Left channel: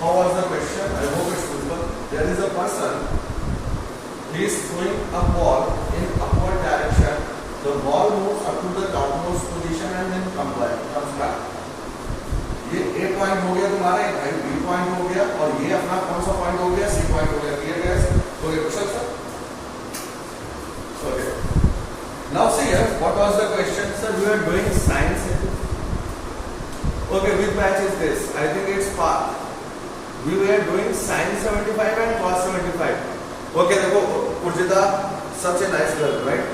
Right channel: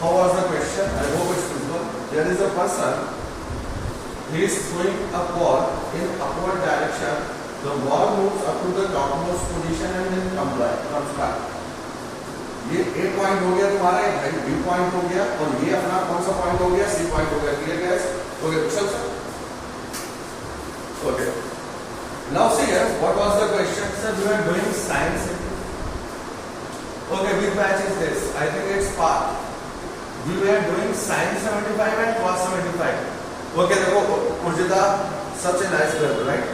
How was the question? I hope it's simple. There is a person. He is throwing a ball in upward direction. The ball moves up to the topmost position and then comes back. ये A point हो गया तुम्हारा, ये भाई B point हो गया, और ये अपना कौन सा पॉइंट हो गया? C पॉइंट हो गया. Clear guys? Okay, Kusal sir. Okay. Now see here, what was the question? Sir, we are doing science. Okay, which batch is this? I think it's part. We were doing sine 75 and cos 75. Okay, देखो Pujita, such a nice girl, right?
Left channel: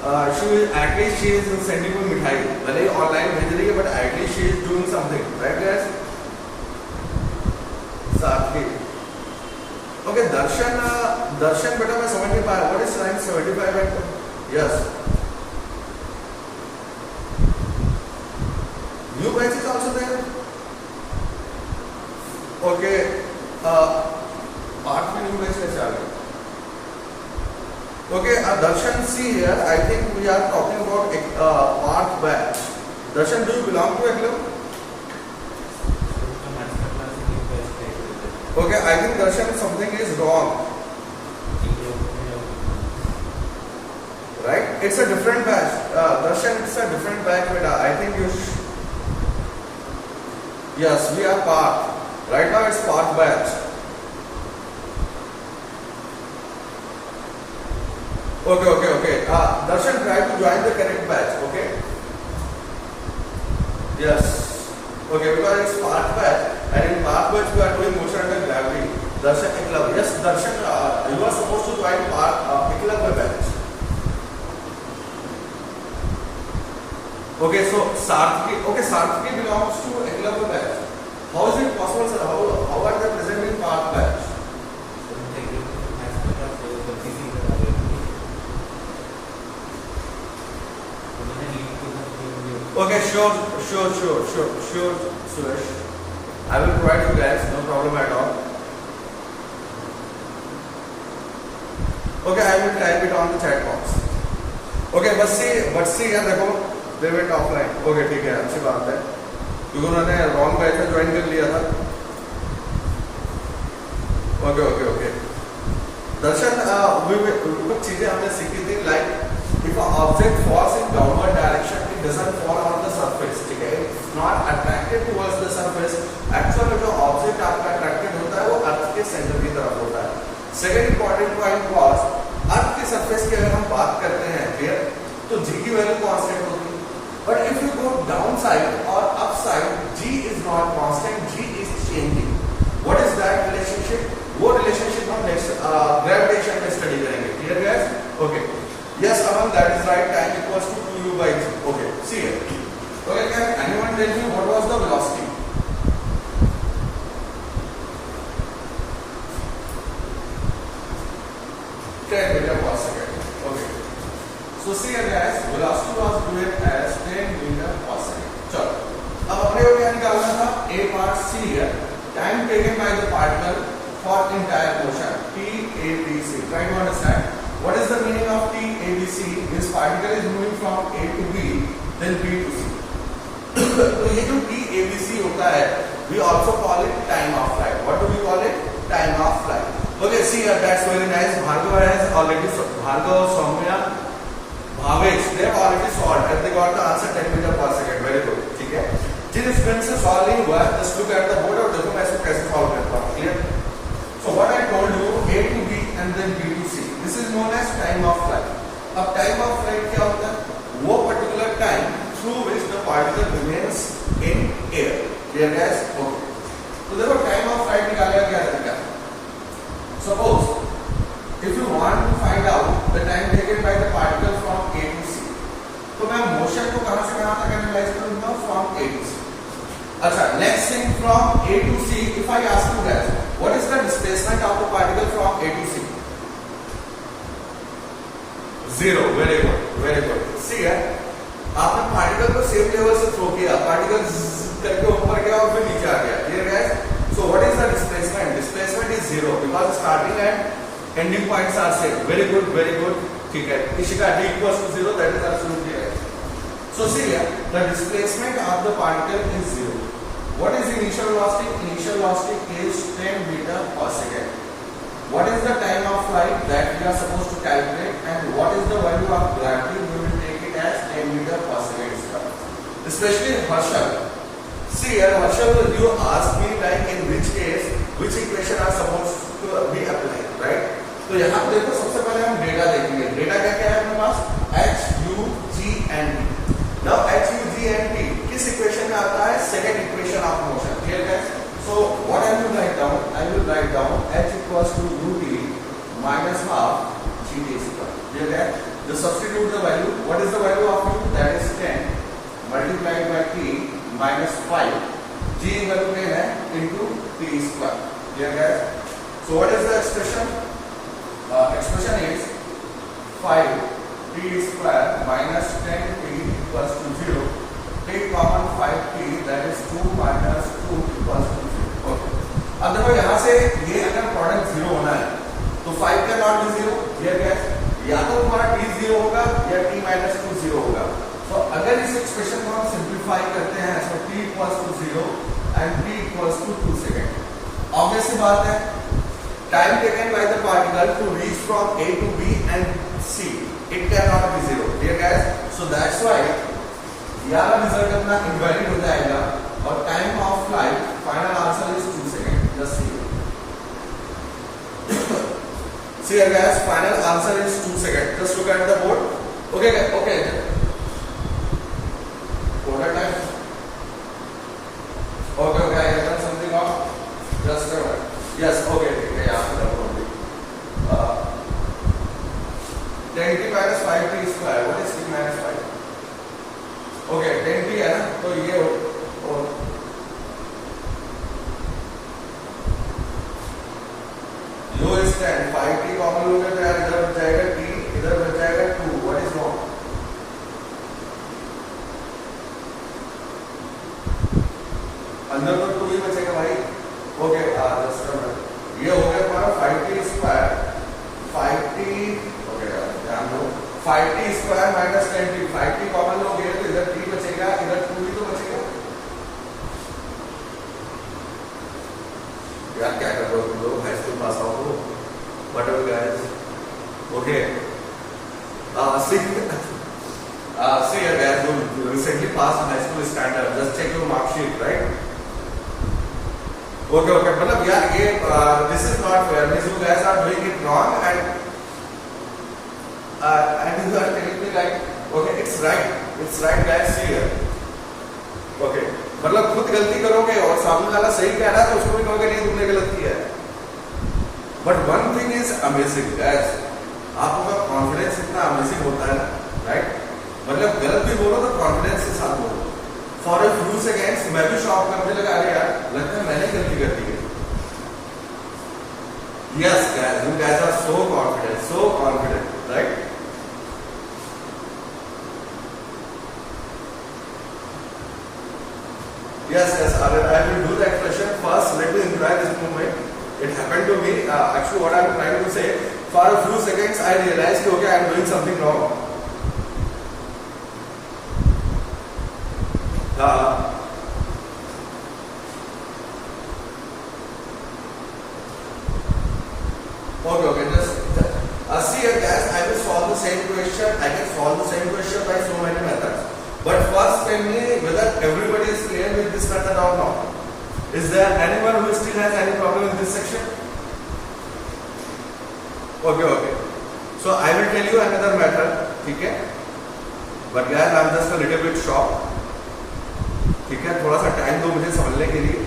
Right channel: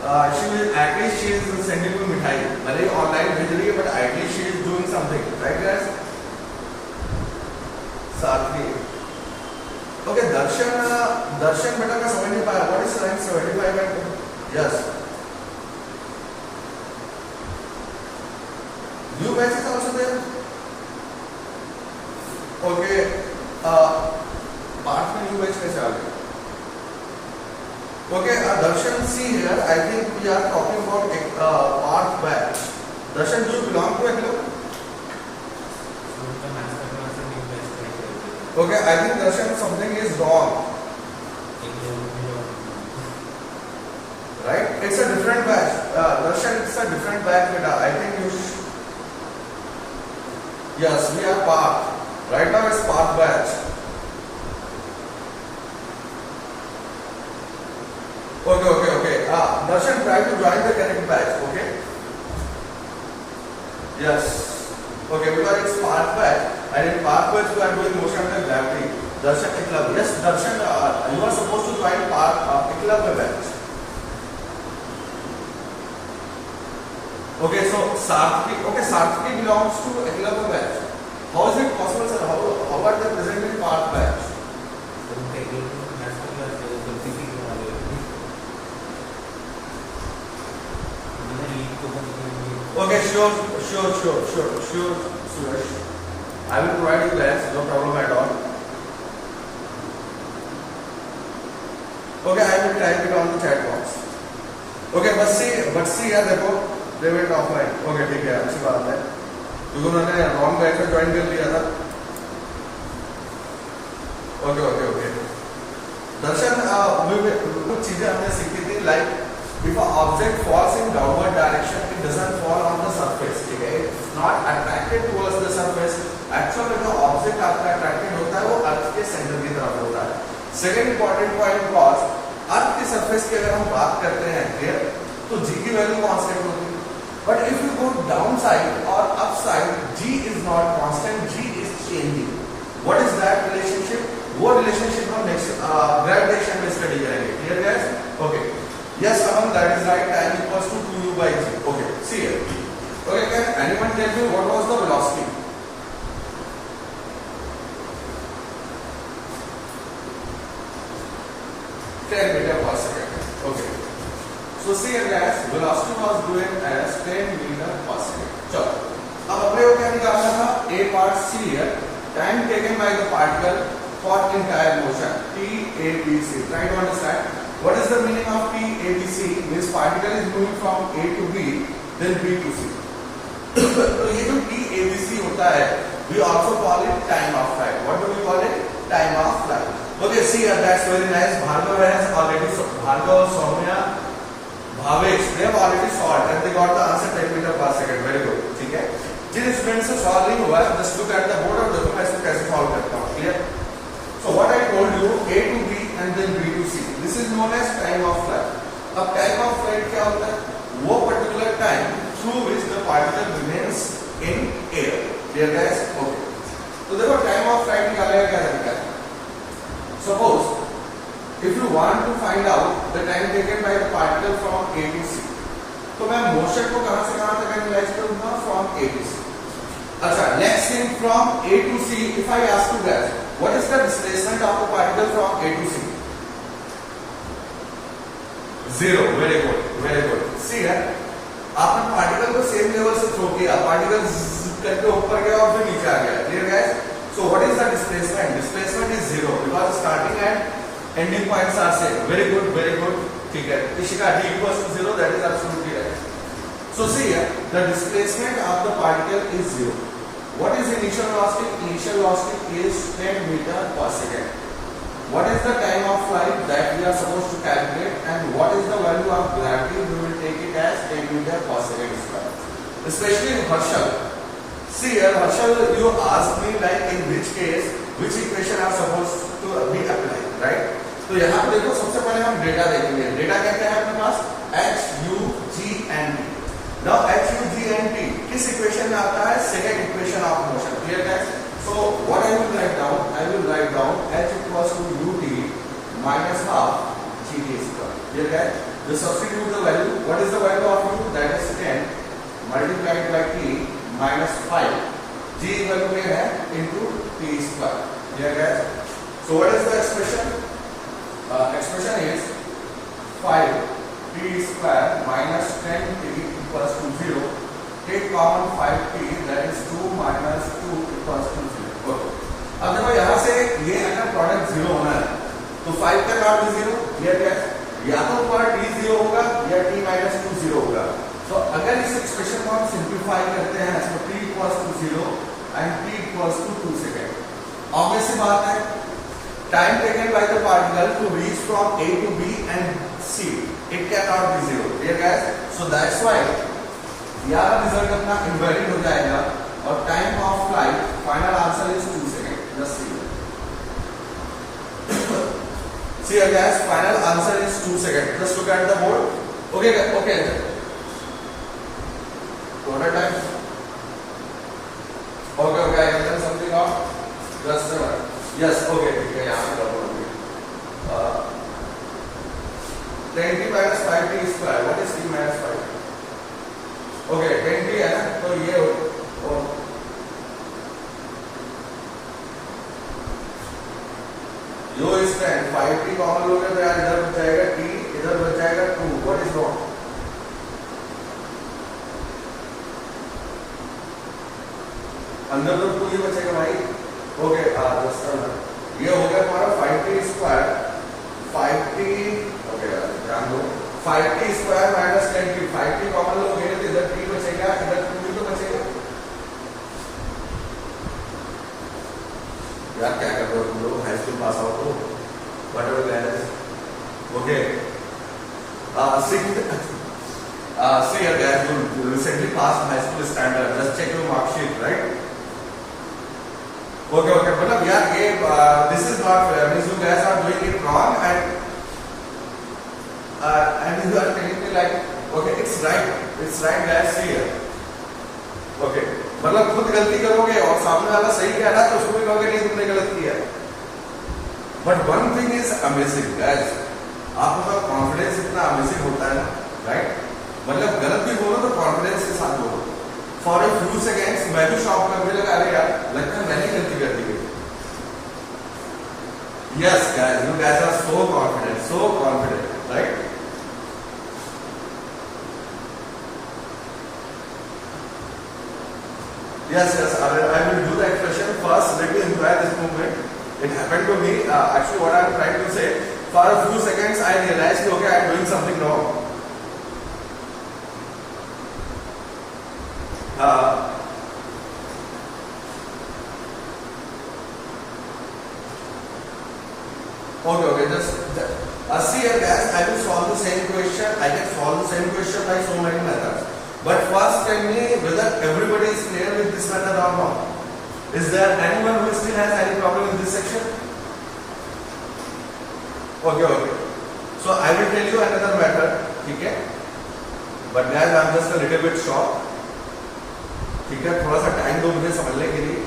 She is sending me मिठाई. भले ही online भेज रही है, but at least she is doing something, right guys? साथी. Okay, दर्शन बेटा मैं समझ नहीं पाया. What is sine 75 and yes? New batch is also there. Okay, part में new batch कैसे आ गया? Okay, Darshan, see here. I think we are talking about part batch. Darshan, do you belong to a club? Okay, I think Darshan something is wrong. Right? It's a different batch. Darshan, it's a different batch. Beta. I think you. Yes, we are part. Right now it's part batch. Okay. Darshan, try to join the correct batch. Okay. Yes. Okay, because it's part batch. And in part batch we are doing motion under gravity. Darshan Eklavya. Yes, Darshan, you are supposed to join part Eklavya batch. Okay, so Sarthaki belongs to Eklavya batch. How is it possible, sir? How are they present in part batch? Okay, sure, Suresh. I will provide you guys, no problem at all. Okay, I will type it on the chat box. Okay, but see यार देखो, they went offline. Okay, ठीक है, अच्छी बात है. क्योंकि उन्होंने wrong batch में join कर लिया था. Okay. दर्शन, कुछ चीजें हमने सीखी थी, like if an object falls in downward direction, it doesn't fall on the surface. ठीक है, it's not attracted towards the surface. Actually, जो object आपका attracted होता है, वो अर्थ के सेंटर की तरफ होता है. Second important point was, अर्थ के surface की अगर हम बात करते हैं, clear, तो g की वैल्यू कांस्टेंट होती है. But if you go downside or upside, g is not constant, g is changing. What is that relationship? वो relationship हम next gravitation में study करेंगे. Clear guys? Okay. Yes, Aman, that is right. Time equals to 2u by g. Okay, see here. Okay, can anyone tell me what was the velocity? 10 meter per second. Okay. So see here guys, velocity was given as 10 meter per second. चलो, अब अपने को क्या निकालना था? A part C here. Time taken by the particle for entire motion. TATC. Try to understand. What is the meaning of TATC? This particle is moving from A to B, then B to C. तो ये जो TATC होता है, we also call it time of flight. What do we call it? Time of flight. Okay, see that's very nice. Bhargav has already, Bhargav, Soumya, Bhavesh, they have already solved and they got the answer 10 meter per second. Very good. ठीक है? जिन student से solve नहीं हुआ है, just look at the board और देखो मैं इसको कैसे सॉल्व करता हूँ. Clear? So what I told you, A to B and then B to C. This is known as time of flight. अब time of flight क्या होता है? वो particular time through which the particle remains in air. Clear guys? Okay. तो देखो time of flight निकालने का क्या तरीका है? Suppose if you want to find out the time taken by the particle from A to C, तो मैं motion को कहाँ से कहाँ तक analyze करूँगा? From A to C. अच्छा, next thing from A to C, if I ask you guys, what is the displacement of the particle from A to C? 0. Very good. See here, आपने particle को same level से throw किया, particle करके ऊपर गया और फिर नीचे आ गया. Clear guys? So what is the displacement? Displacement is 0 because starting and ending points are same. Very good. ठीक है. Ishika d equals to 0. That is absolutely right. So see here, the displacement of the particle is 0. What is initial velocity? Initial velocity is 10 meter per second. What is the time of flight that we are supposed to calculate, and what is the value of gravity? We will take it as 10 meter per second square. Especially in Harshal. See here, Harshal, you ask me like in which case, which equation are supposed to be applied, right? तो यहाँ पे देखो सबसे पहले हम data देखेंगे. Data क्या क्या है अपने पास? H, U, G and T. Now H, U, G and T किस इक्वेशन में आता है? Second equation of motion. Clear guys? So what I will write down? I will write down H equals to UT minus half GT square. Clear guys? Just substitute the value. What is the value of U? That is 10 multiplied by T minus 5. G value में है into T square. Clear guys? So what is the expression? Expression is 5 T square minus 10 T equals to 0. Take common 5T, that is 2 minus 2 equals to 0. Okay. अब देखो यहाँ से ये अगर product 0 होना है तो 5 का नॉट भी 0. क्लियर है? या तो हमारा T 0 होगा या T minus 2 0 होगा. तो अगर इस एक्सप्रेशन को हम सिंप्लीफाई करते हैं तो T equals to 0 and T equals to 2 second. Obvious सी बात है, time taken by the particle to reach from A to B and C, it cannot be 0. Clear guys? So that's why यहाँ result अपना invalid हो जाएगा और time of flight final answer is 2 second. Just see guys, final answer is 2 seconds. Just look at the board. Okay, okay. Total time. Okay, okay. I have done something off. Just yes. Okay. यहाँ पे कर दो. 10t minus 5t square. What is t minus 5? Okay, 10t है ना, तो ये हो जो इस 10 5t कॉमन लोगे तो यार इधर बच जाएगा t, इधर बच जाएगा 2. What is wrong? अंदर तो 2 ही बचेगा भाई. ओके, ये हो गया हमारा 5t स्क्वायर 5t. ओके, ध्यान दो. 5t square minus 10t. 5t common लोगे तो इधर t बचेगा, इधर 2 ही तो बचेगा. यार क्या कर रहे हो तुम लोग? हाई स्कूल पास आउट हो. Whatever guys. Okay, see here guys, you recently passed high school standard. Just check your mark sheet, right? Okay, okay. मतलब यार ये this is not fair. Means you guys are doing it wrong and you are telling me like, okay, it's right guys. See here. Okay. मतलब खुद गलती करोगे और सामने वाला सही कह रहा है तो उसको भी कहोगे नहीं तुमने गलत किया है. But one thing is amazing guys. आपका कॉन्फिडेंस इतना अमेजिंग होता है ना, राइट? मतलब गलत भी बोलो तो कॉन्फिडेंस के साथ बोलो. फॉर अ फ्यू सेकेंड्स मैं भी शॉक करने लगा, अरे यार लगता है मैंने गलती कर दी. Yes guys, you guys are so confident, right? Yes, I will do the expression first. Let me enjoy this moment. It happened to me. Actually, what I am trying to say, for a few seconds, I realized, okay, I am doing something wrong. Okay, just see here, guys. I will solve the same question. I can solve the same question by so many methods. But first, tell me whether everybody is clear with this method or not. Is there anyone who still has any problem in this section? Okay. So I will tell you another method. Okay? But guys, I am just a little bit shocked. ठीक है, थोड़ा सा time दो मुझे समझने के लिए.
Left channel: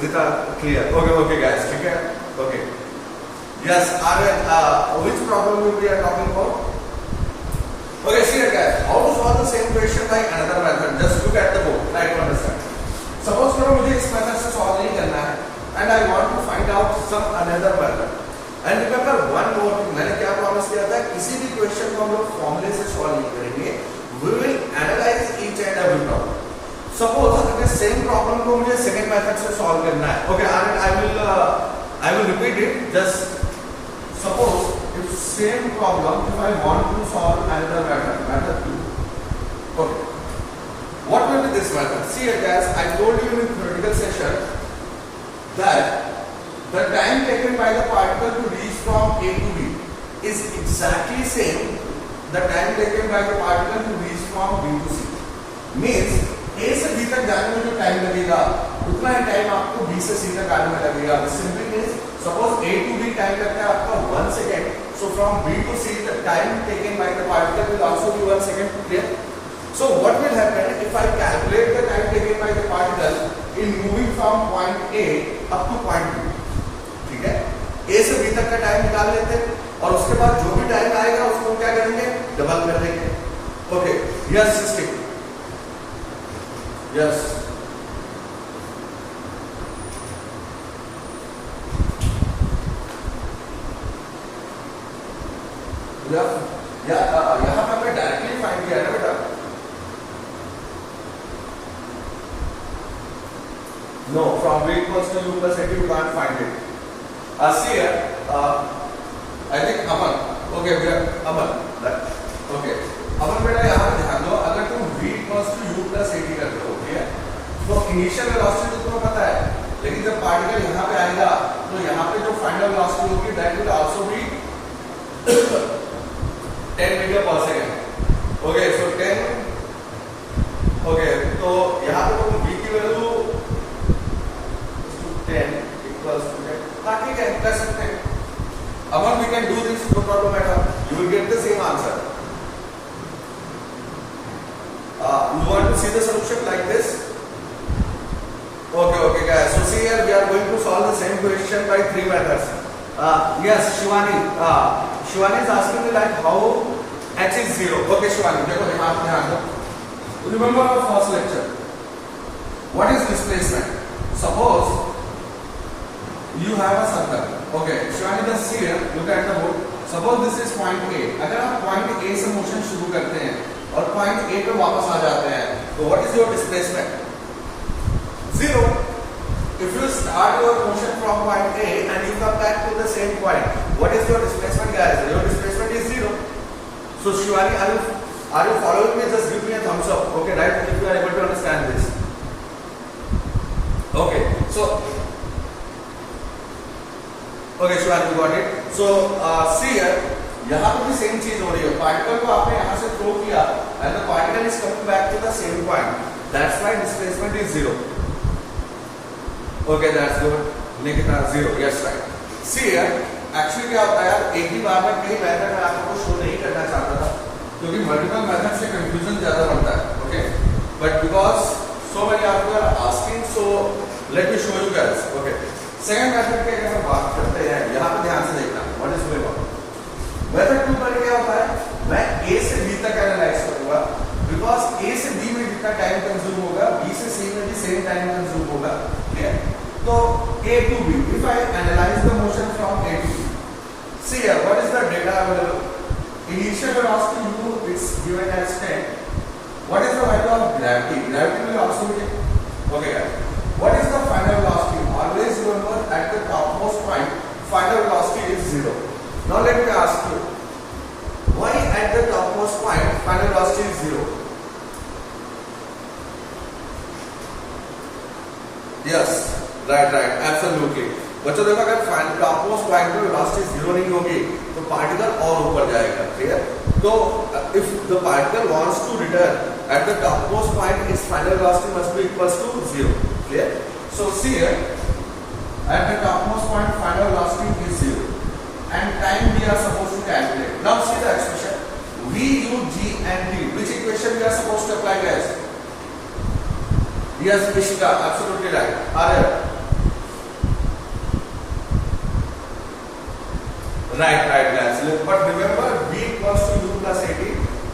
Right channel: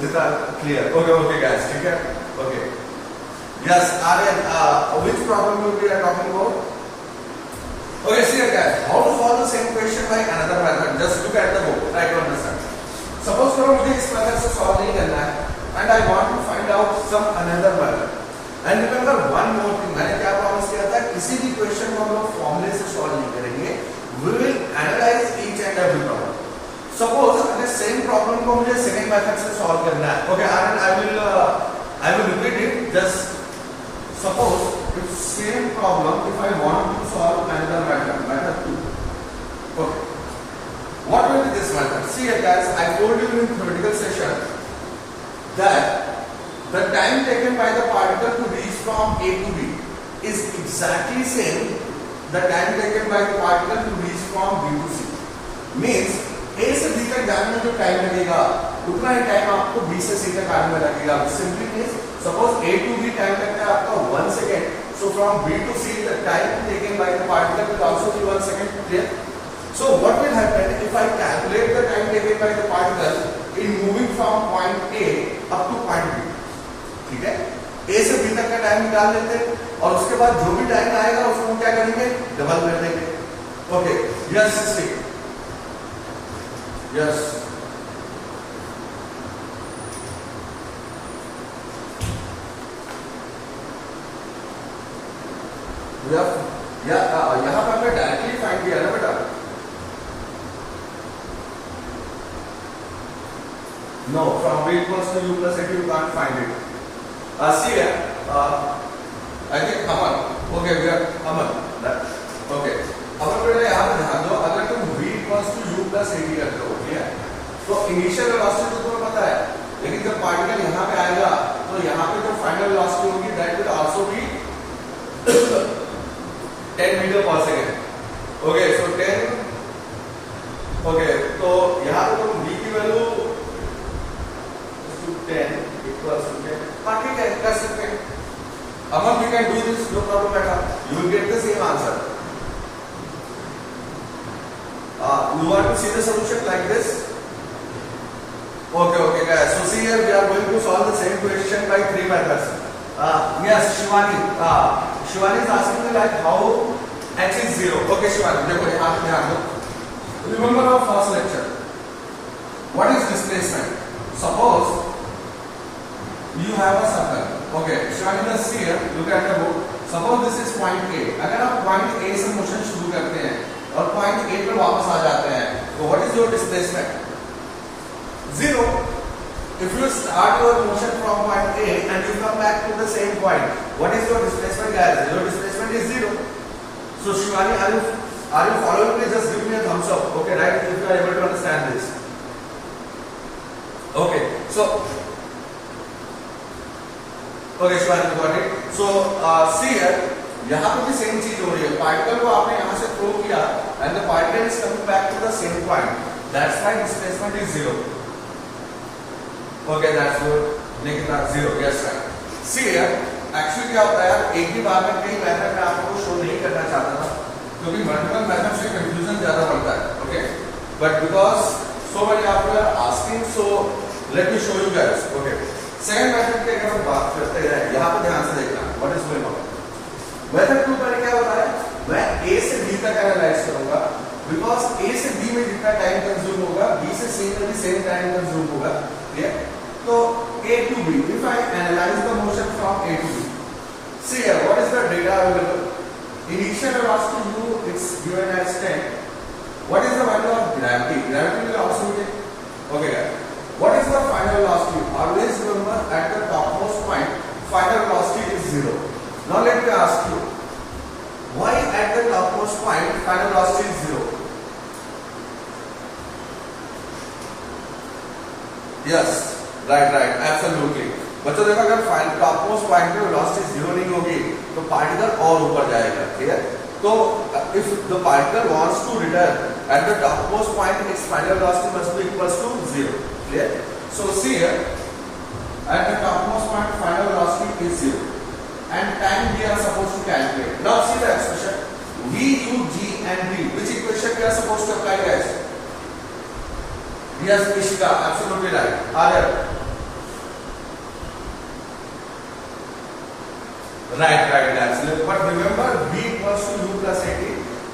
जितना क्लियर. Okay, guys. ठीक है. Okay. Yes, which problem we are talking about? Okay, see here guys, how to solve the same question by another method. Just look at the book, try to understand. Suppose करो मुझे इस method से solve नहीं करना है and I want to find out some another method. And remember one more thing, मैंने क्या promise किया था, किसी भी क्वेश्चन को हम लोग फॉर्मूले से सॉल्व नहीं करेंगे. We will analyze each and every problem. Suppose अगर सेम प्रॉब्लम को मुझे सेकंड मेथड से सॉल्व करना है. Okay, I will repeat it. Just suppose if same problem, if I want to solve another method 2. Okay. What will be this method? See guys, I told you in theoretical session that the time taken by the particle to reach from A to B is exactly same the time taken by the particle to reach from B to C. Means A से B तक जाने में जो time लगेगा उतना ही time आपको B से C तक आने में लगेगा. Simply means suppose A to B time लगता है आपका 1 second. So from B to C the time taken by the particle will also be 1 second. Clear? So what will happen if I calculate the time taken by the particle in moving from point A up to point B? ठीक है, A से B तक का time निकाल लेते हैं और उसके बाद जो भी टाइम आएगा उसको क्या करेंगे, डबल कर देंगे. ओके, यस 60, यस यहाँ पर मैं डायरेक्टली फाइंड किया ना बेटा. No, from B equals to U plus A, you can't find it. See here, I think Aman. Okay, Aman. Okay. Aman बेटा यहाँ पर ध्यान दो, अगर तुम V equals to U plus A करते हो, ठीक है? तो इनिशियल वेलोसिटी तो तुम्हें पता है, लेकिन जब पार्टिकल यहाँ पे आएगा, तो यहाँ पे जो फाइनल वेलोसिटी होगी, that will also be 10 metre per second. Okay, so 10. Okay, तो यहाँ पे तुम V की वैल्यू 10 equals to 10. ठीक है, कर सकते हैं. Aman, we can do this, no problem at all. You will get the same answer. You want to see the solution like this? Okay, guys. So see here, we are going to solve the same question by 3 methods. Yes, Shivani. Shivani is asking me like how h is 0. Okay, Shivani, देखो यहाँ पे ध्यान दो. Remember our first lecture. What is displacement? Suppose you have a circle. Okay, Shivani, just see here, look at the book. Suppose this is point A. अगर आप point A से motion शुरू करते हैं और point A पे वापस आ जाते हैं, तो what is your displacement? 0. If you start your motion from point A and you come back to the same point, what is your displacement, guys? Your displacement is 0. So Shivani, are you following me? Just give me a thumbs up. Okay, right? If you are able to understand this. Okay, so okay, Shivani, you got it. So see here, यहाँ पे भी same चीज हो रही है. Particle को आपने यहाँ से थ्रो किया and the particle is coming back to the same point. That's why displacement is 0. Okay, that's good. Negative 0. Yes, right. See here, actually क्या होता है यार, एक ही बार में कई मेथड मैं आपको शो नहीं करना चाहता था, क्योंकि मल्टीपल मेथड से कंफ्यूजन ज्यादा बढ़ता है. Okay, but because so many of you are asking, so let me show you guys. Okay. Second method की अगर हम बात करते हैं, यहाँ पे ध्यान से देखना what is going on. Method 2 पर क्या होता है, मैं A से B तक एनालाइज करूंगा, बिकॉज A से B में जितना टाइम कंज्यूम होगा B से C में भी सेम टाइम कंज्यूम होगा. क्लियर? तो A to B, if I analyze the motion from A to B, see here what is the data available. Initial velocity U, it's given as 10. What is the value of gravity? Gravity will also be 10. Okay guys, what is the final velocity? Always remember at the topmost point, final velocity is 0. Now let me ask you, why at the topmost point, final velocity is 0? Yes, right, absolutely. बच्चों देखो, अगर topmost point पे velocity 0 नहीं होगी, तो particle और ऊपर जाएगा. Clear? तो if the particle wants to return at the topmost point, its final velocity must be equals to 0. Clear? So see here, at the topmost point, final velocity is 0, and time we are supposed to calculate. Now see the expression V, U, G, and D. Which equation we are supposed to apply, guys? Yes, Ishika, absolutely right. Arya. Right, guys. But remember, V equals to U plus AT.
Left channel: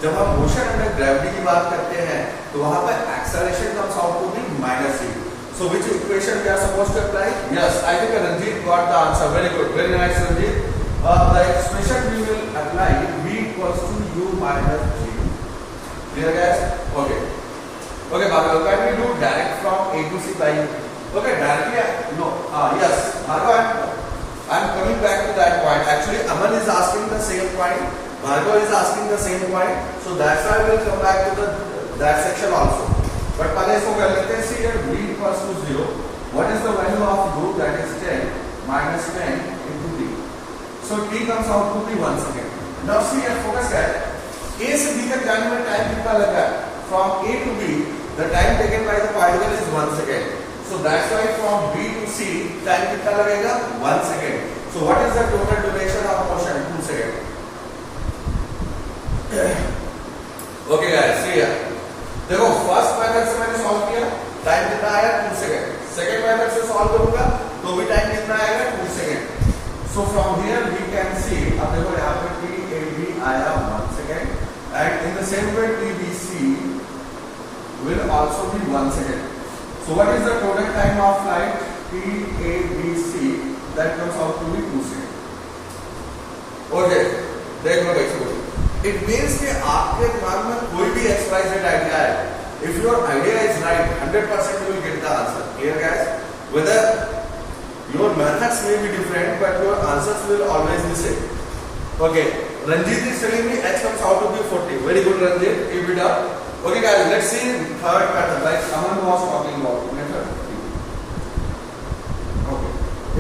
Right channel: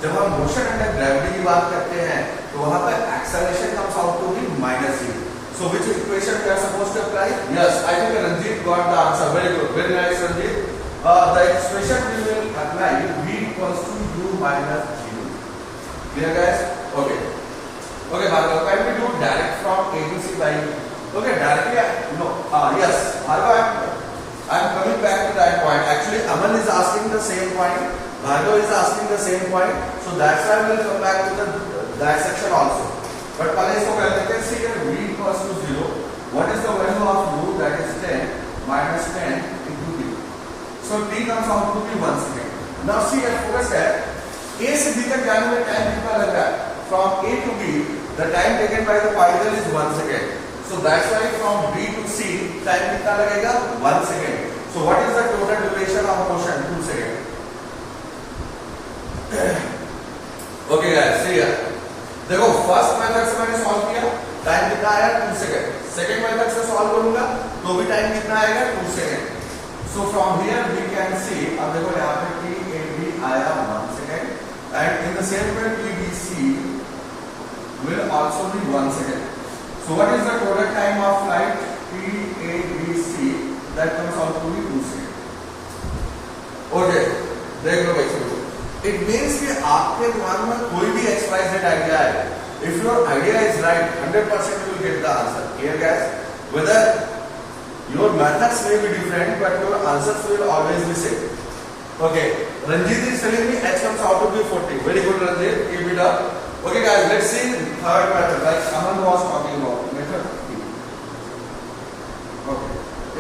जब हम motion under gravity की बात करते हैं, तो वहां पर acceleration comes out to be minus C. So which equation we are supposed to apply? Yes, I think Ranjit got the answer. Very good, very nice, Ranjit. The expression we will apply V equals to U minus G. Clear, guys? Okay. Okay, Bhargav, can we do direct from A to C by? Okay, directly. No. Yes, Bhargav, I'm coming back to that point. Actually, Aman is asking the same point. Bhargav is asking the same point. So that's why we'll come back to that section also. But पहले इसको कर लेते हैं. See here v equals to 0. What is the value of u? That is 10 minus 10 into t. So t comes out to be 1 second. Now see here focus है a से b तक जाने में टाइम कितना लग रहा है? From a to b the time taken by the particle is 1 second. So that's why from b to c time कितना लगेगा? 1 second. So what is the total duration of motion? 2 seconds. Okay guys, see here. देखो first method से मैंने solve किया, time कितना आया? 2 second. Second method से solve करूंगा तो भी टाइम कितना आएगा? 2 second. So from here we can see, अब देखो यहाँ पे टी ए बी आया 1 second and in the same way T B C will also be 1 second. So what is the total time of flight T A B C? That comes out to be 2 second. Okay देख लो भाई, it means कि आपके दिमाग में कोई भी XYZ idea है, if your idea is right 100% you will get the answer. Clear guys? Whether your methods may be different but your answers will always be same. Okay, Ranjit is telling me x comes out to be 40. Very good Ranjit, keep it up. Okay guys, let's see third method like Aman was talking about method. Okay,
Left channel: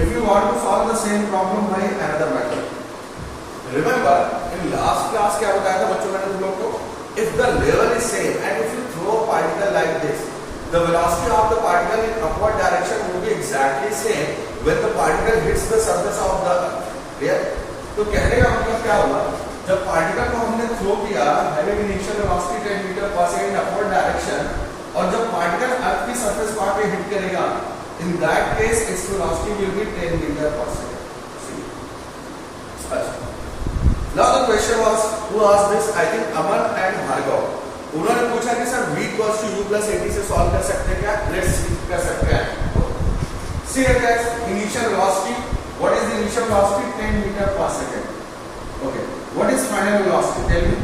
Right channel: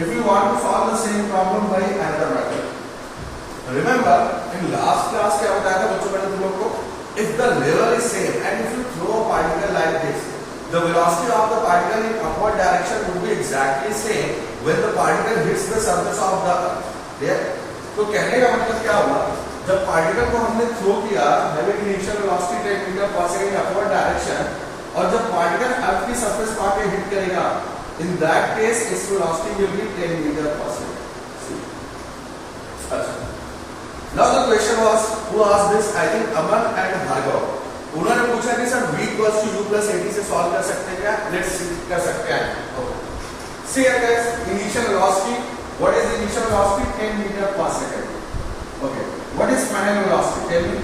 if you want to solve the same problem by another method, remember in last class क्या बताया था बच्चों मैंने तुम लोगों को? If the level is same and if you throw a particle like this, the velocity of the particle in upward direction would be exactly same when the particle hits the surface of the earth. Clear? तो कहने का मतलब क्या हुआ? जब particle को हमने throw किया having initial velocity 10 metre per second upward direction, और जब पार्टिकल अर्थ की सरफेस पर आके हिट करेगा, in that case its velocity will be 10 metre per second. अच्छा, now the question was who asked this? I think Aman and Bhargav. उन्होंने पूछा कि sir v equals to u plus at से solve कर सकते हैं क्या? Let's see कर सकते हैं. See here guys, initial velocity. What is the initial velocity? 10 meter per second. Okay. What is final velocity? Tell me.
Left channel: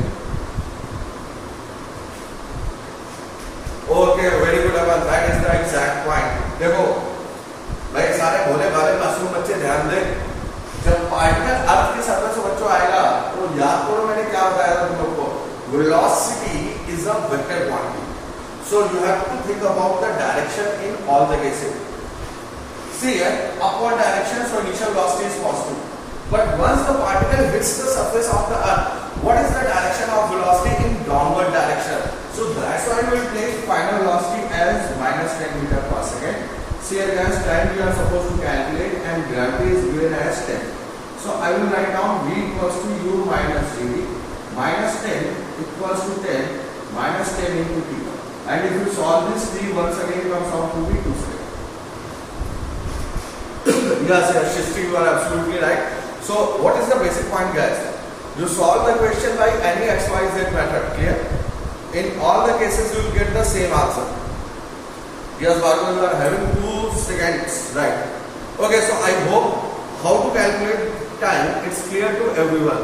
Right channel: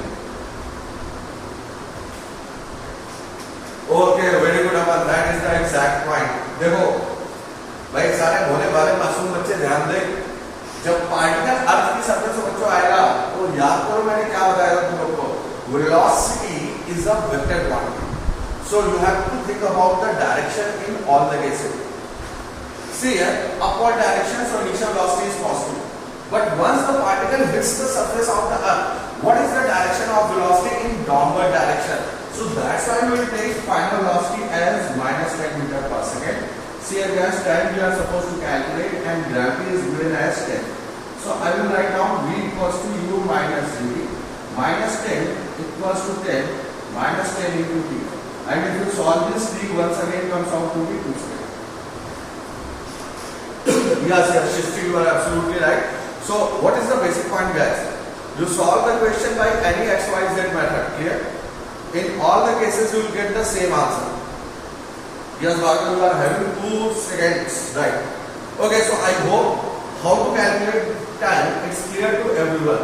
Okay, very good Aman. That is the exact point. देखो भाई सारे भोले भाले मासूम बच्चे ध्यान दें. जब पार्टिकल अर्थ की सरफेस से बच्चों आएगा तो याद करो मैंने क्या बताया था तुम लोग को? Velocity is a vector quantity, so you have to think about the direction in all the cases. See here upward direction, so initial velocity is positive, but once the particle hits the surface of the earth, what is the direction of velocity? In downward direction. So that's why we will take final velocity as -10 metre per second. See against time we are supposed to calculate and gravity is given as 10. So I will write down v equals to u minus v minus 10 equals to 10 minus 10 into t. And if you solve this, t once again comes out to be 2 seconds. Yes, yes, Shishti, you are absolutely right. So what is the basic point guys? You solve the question by any XYZ method. Clear? In all the cases you will get the same answer. Yes, Bhargav, you are having 2 seconds, right? Okay, so I hope how to calculate time it's clear to everyone.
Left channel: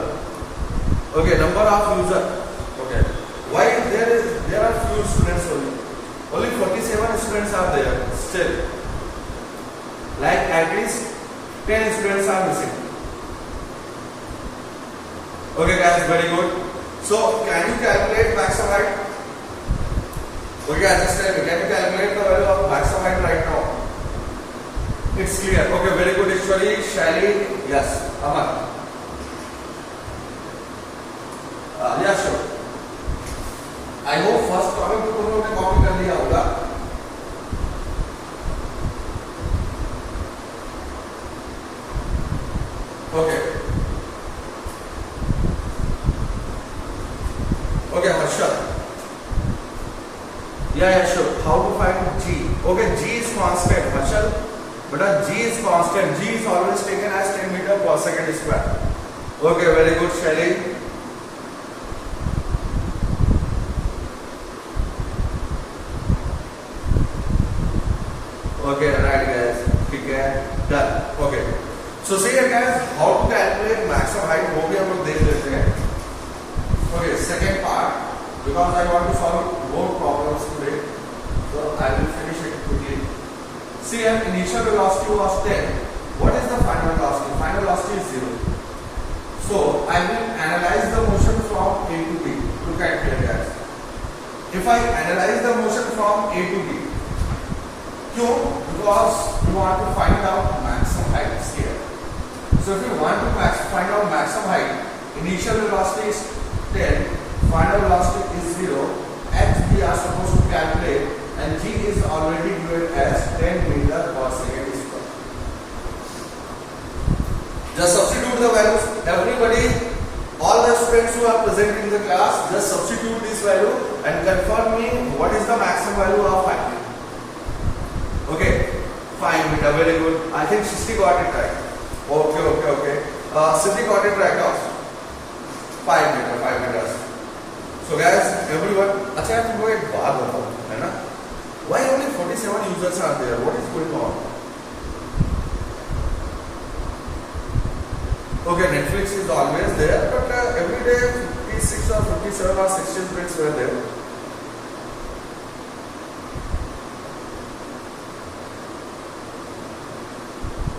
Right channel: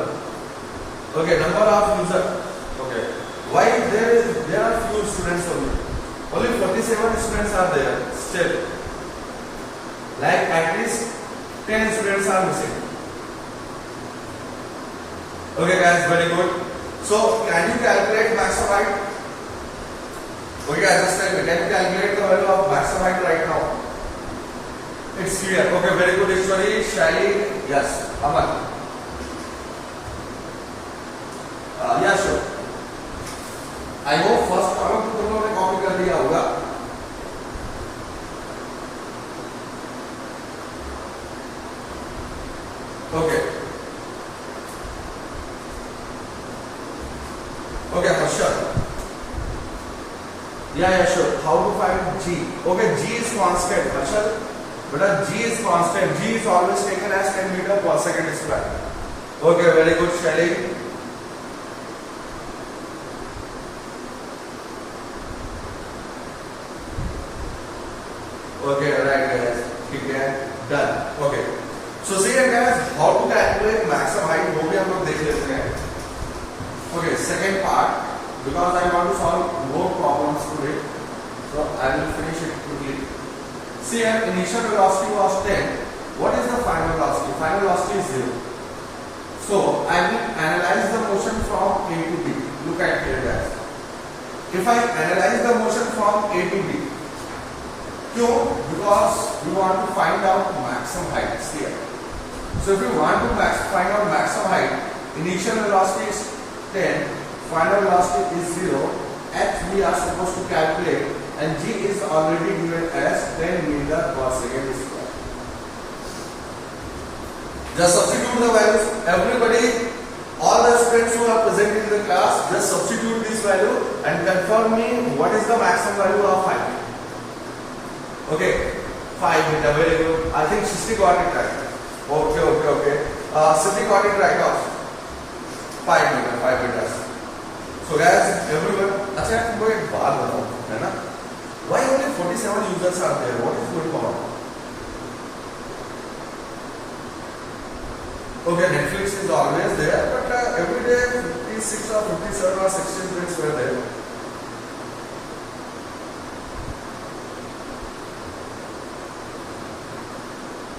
Okay, number of user. Okay, why there are few students only? Only 47 students are there still. Like at least 10 students are missing. Okay, guys, very good. So can you calculate maximum height? Okay, just tell me, can you calculate the value of maximum height right now? It's clear. Okay, very good. Ishwari, Shaili, yes. Aman. Yes, sir. I hope first problem तुम लोगों ने copy कर दिया होगा. Okay. Okay, Harsha. Yeah, sure. How to find G? Okay, G is constant. Marshall, but G is constant. G is always taken as 10 meter per second square. Okay, very good, Shaili. Okay, right guys. Okay, done. Okay. So see here guys, how to calculate maximum height? वो भी हम लोग देख लेते हैं. Okay, second part. Because I want to solve more problems today, so I will finish it quickly. See, initial velocity was 10. What is the final velocity? Final velocity is 0. So I will analyze the motion from A to B. Look at here, guys. if I analyze the motion from A to B, क्यों? Because we want to find out maximum height here. So if you want to find out maximum height, initial velocity is 10, final velocity is 0, h we are supposed to calculate, and g is already given as 10 meter per second square. Just substitute the values. Everybody, all the students who are present in the class, just substitute this value and confirm me what is the maximum value of height. Okay, 5 meter, very good. I think Shishti got it right. Okay. Siddhi got it right also. 5 meters. So guys, everyone, अच्छा तुमको एक बात बताओ, है ना? Why only 47 users are there? What is going on? Okay, Netflix is always there, but every day 56 or 57 or 60 students were there.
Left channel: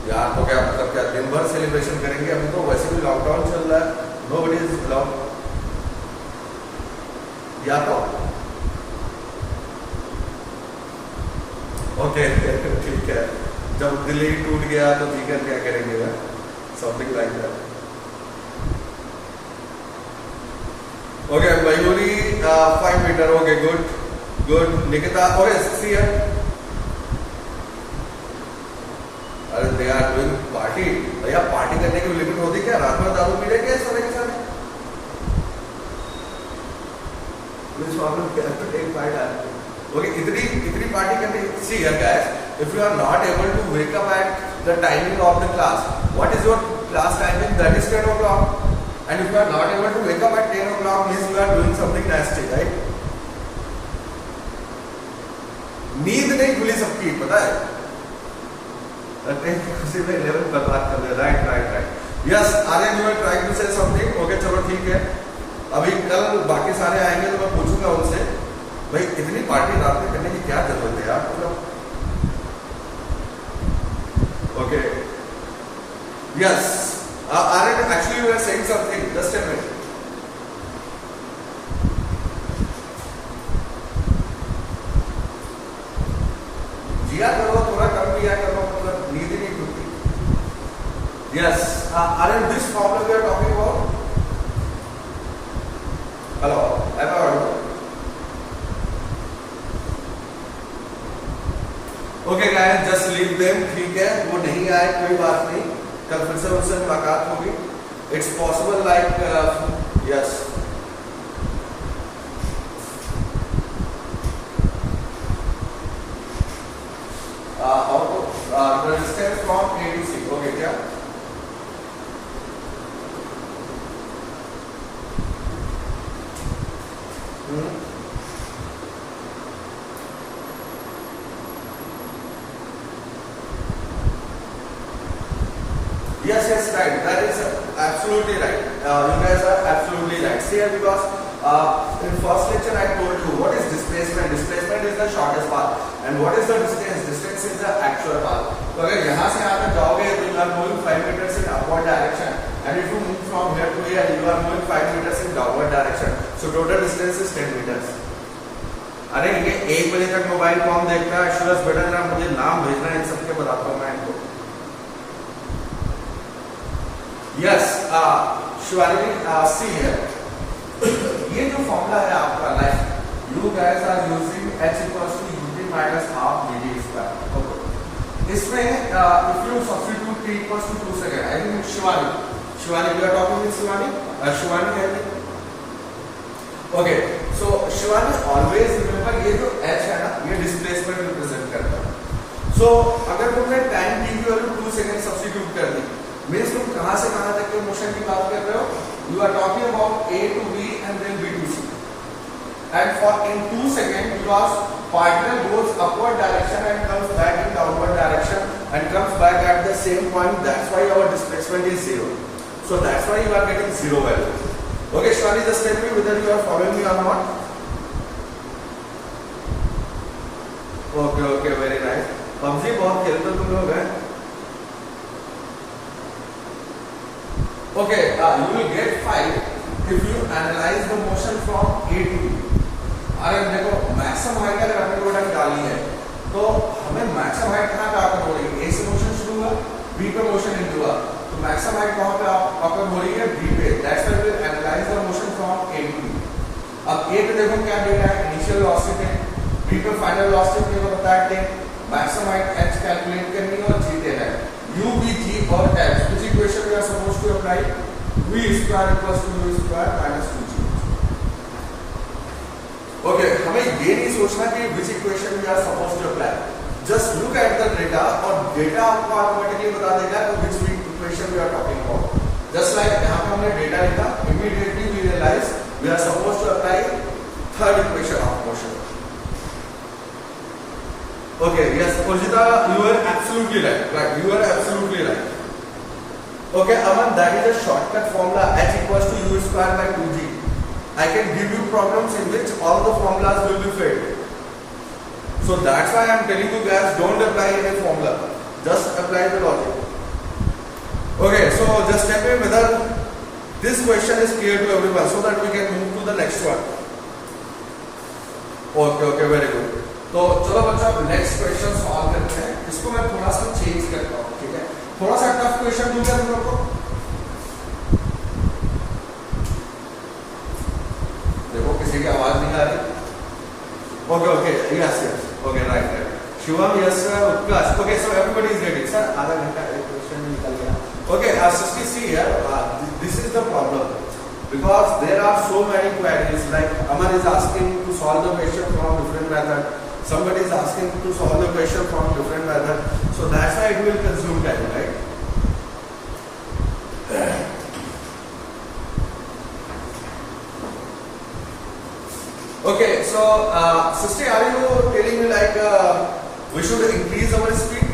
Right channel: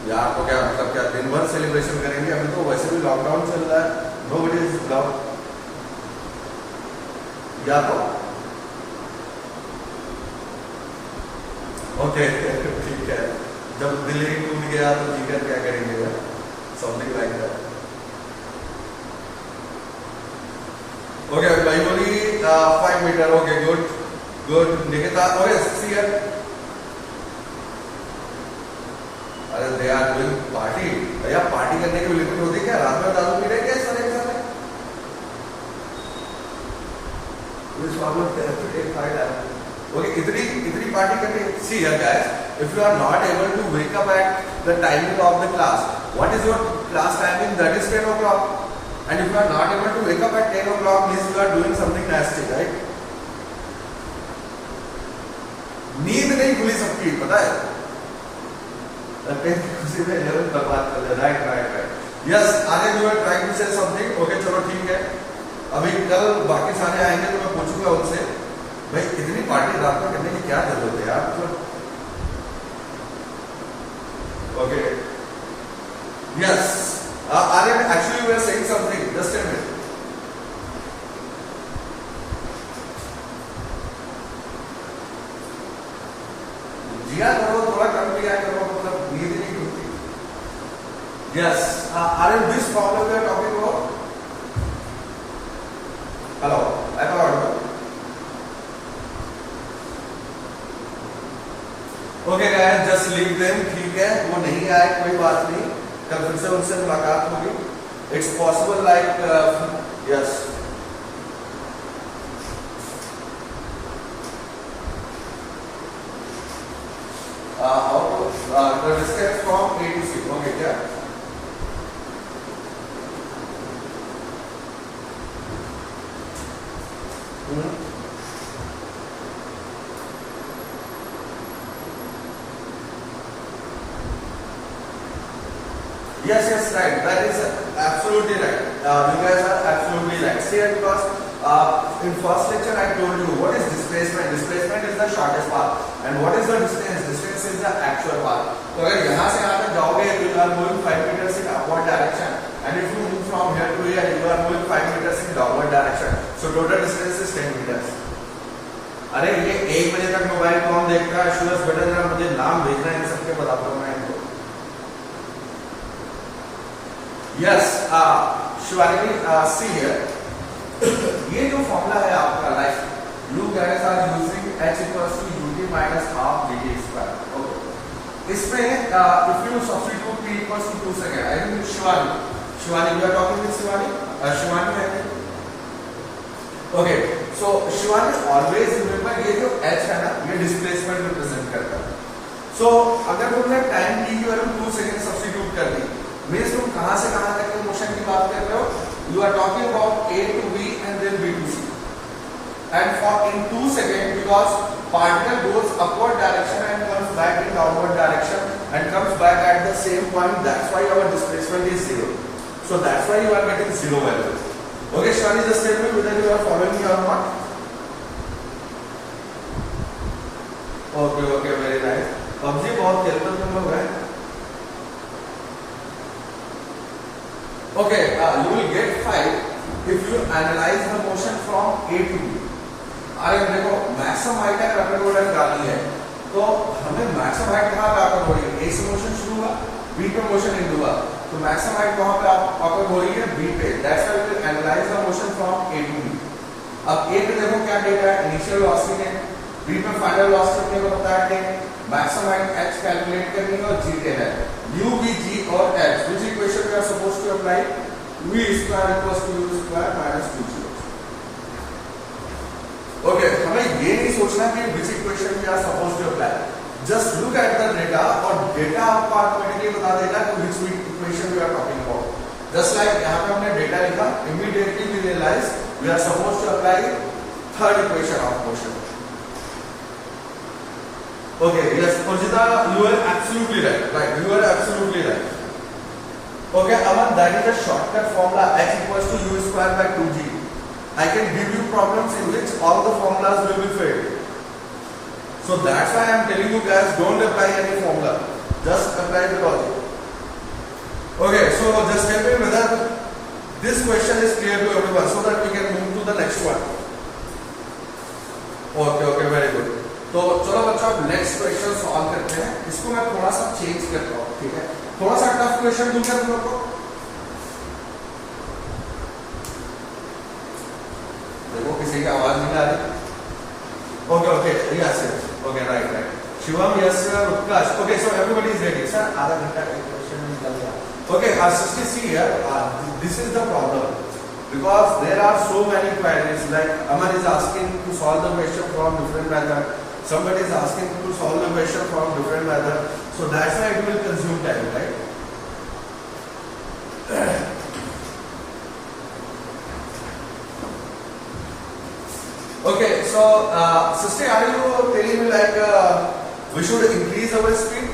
यार तो क्या मतलब क्या दिन भर सेलिब्रेशन करेंगे? अभी तो वैसे भी लॉकडाउन चल रहा है, नोबडी इज अलाउड. या तो ओके ठीक है, जब दिल्ली टूट गया तो ठीक है, क्या करेंगे? Something like that. Okay Mayuri 5 meter. Okay, good. Nikita, okay, see here. अरे दे आर डूइंग पार्टी. भैया पार्टी करने की लिमिट होती है क्या? रात में दारू पी लेंगे इस तरह से? ओके, इतनी पार्टी करने. सी here guys, if you are not able to wake up at the timing of the class, what is your class timing? That is 10 o'clock. And if you are not able to wake up at 10 o'clock, means you are doing something nasty, right? नींद नहीं खुली सबकी, पता है? खुशी में level बर्बाद कर रहे. Right. Yes, Aryan you are trying to say something. Okay, चलो ठीक है. अभी कल बाकी सारे आएंगे तो मैं पूछूंगा उनसे, भाई इतनी पार्टी रात में करने की क्या जरूरत है यार? मतलब okay, yes, Aryan actually you are saying something. Just a minute. Jiya करो, थोड़ा कम किया करो, मतलब नींद नहीं खुलती. Yes, Aryan, this problem we are talking about. Hello, I am audible? Okay guys, just leave them. ठीक है, वो नहीं आए कोई बात नहीं, कल फिर से उनसे मुलाकात होगी. It's possible like yes. How to distance from A to C. Okay, क्या? Yes, right. That is absolutely right. You guys are absolutely right. See, because in first lecture I told you what is displacement. Displacement is the shortest path, and what is the distance? Distance is the actual path. तो अगर यहाँ से यहाँ तक जाओगे तो you are moving 5 meters in upward direction, and if you move from here to here, you are moving 5 meters in downward direction. So total distance is 10 meters. अरे ये 1 बजे तक मोबाइल कौन देखता है? शुअर्स बेटर ना मुझे नाम भेजना, इन सबके बताता हूँ मैं इनको. Yes, Shivani, see here. ये जो फॉर्मूला है आपका life, you guys are using h equals to ut minus half dt square. Okay. इसमें if you substitute t equals to 2 second, I think Shivani, we are talking with Shivani. Shivani है. Okay, so Shivani always remember ये जो h है ना, ये displacement represent करता है. So अगर तुमने time t की वैल्यू 2 सेकंड सब्स्टिट्यूट कर दी, मीन्स तुम कहां से कहां तक के मोशन की बात कर रहे हो? You are talking about A to B and then B to C. And for in 2 seconds, because particle goes upward direction and comes back in downward direction and comes back at the same point, that's why our displacement is 0. So that's why you are getting 0 value. Okay, Shani, just tell me whether you are following me or not. Okay, very nice. PUBG बहुत खेलते तुम लोग हैं. Okay, you will get 5 if you analyze the motion from A to B. अरे देखो maximum height अगर अपने को निकालनी है तो हमें मैक्सिमम हाइट कहाँ पे ऑकर हो रही है? ए से मोशन शुरू हुआ, बी पे मोशन एंड हुआ, तो मैक्सिमम हाइट कहाँ पे ऑकर हो रही है? बी पे। That's why we will analyse the motion from A to B. अब ए पे देखो क्या डेटा है, इनिशियल वेलोसिटी है, बी पे फाइनल वेलोसिटी मेरे को बताया कि मैक्सिमम हाइट h कैलकुलेट करनी है और g देना है। u v g और h which equation we are supposed to apply? v square equals to u square minus 2g। Okay, हमें ये नहीं सोचना कि which equation we are supposed to apply, just look at the data और data आपको automatically बता देगा कि which equation we are talking about। just like यहाँ पे हमने डेटा लिखा, immediately we realize we are supposed to apply third equation of motion। okay, yes Purjita, you are absolutely right, you are absolutely right। okay, Aman, that is a shortcut formula, h equals to u square by 2g। I can give you problems in which all the formulas will be failed, so that's why I am telling you guys, don't apply any formula, just apply the logic। okay, so just tell me whether this question is clear to everyone so that we can move to the next one। okay, very good। तो चलो बच्चों अब next question solve करते हैं। इसको मैं थोड़ा सा चेंज करता हूँ, ठीक है? थोड़ा सा टफ क्वेश्चन दूंगा तुम लोग को। देखो किसी की आवाज नहीं आ रही। Okay, yes okay, right. Shivam, yes Utkarsh. Okay, so everybody is ready. Sir आधा घंटा क्वेश्चन निकल गया। Okay, so see here, this is the problem because there are so many queries, like Amar is asking to solve the question from different method, somebody is asking to solve the question from different method, so that's why it will consume time, right? Okay, so sister, are you telling me like we should increase our speed?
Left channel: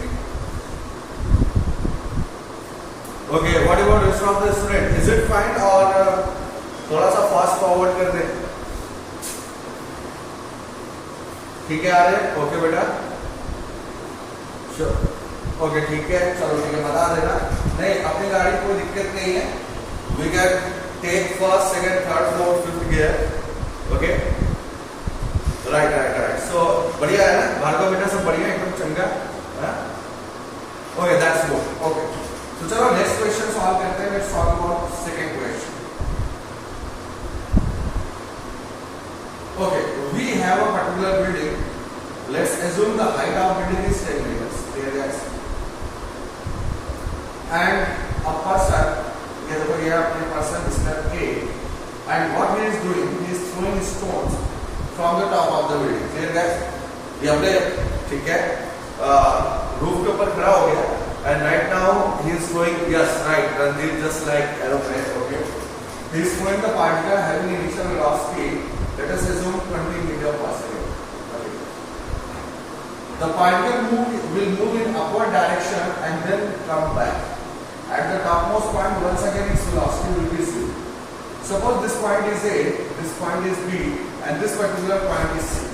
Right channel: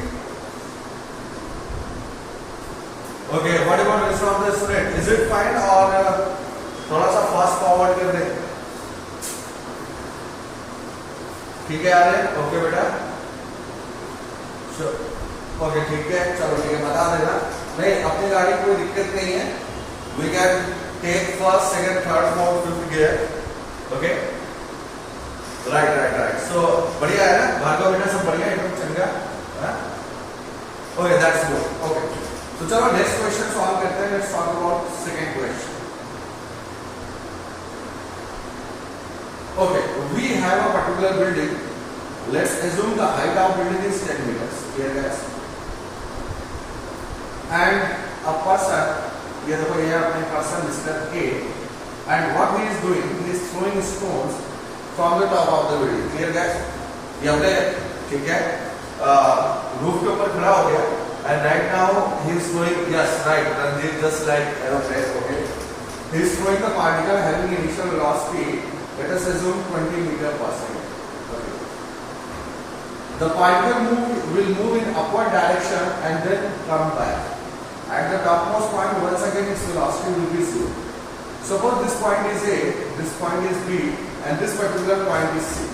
Okay, what about rest of the student? Is it fine or थोड़ा सा fast forward कर दे? ठीक है Aryan? Okay बेटा, okay ठीक है, चलो ठीक है, बता देना। नहीं, अपनी गाड़ी कोई दिक्कत नहीं है, we can take first, second, third, fourth, fifth gear. Okay, right. So बढ़िया है ना भार्गव बेटा, सब बढ़िया एकदम चंगा। Okay, that's good. ओके, तो चलो नेक्स्ट क्वेश्चन सॉल्व करते हैं। Let's solve about second question. Okay, we have a particular building. Let's assume the height of building is 10 meters. Here guys. And a person, ये देखो ये अपने person Mr. A, and what he is doing, he is throwing stones from the top of the building. Here guys, ये अपने ठीक है roof के ऊपर खड़ा हो गया, and right now he is throwing, yes right, Ranjit, just like aeroplane. Okay, he is throwing the particle having initial velocity. Let us assume 20 meters per second. Okay. The particle will move in upward direction and then come back. At the topmost point, once again its velocity will be 0. Suppose this point is A, this point is B, and this particular point is C.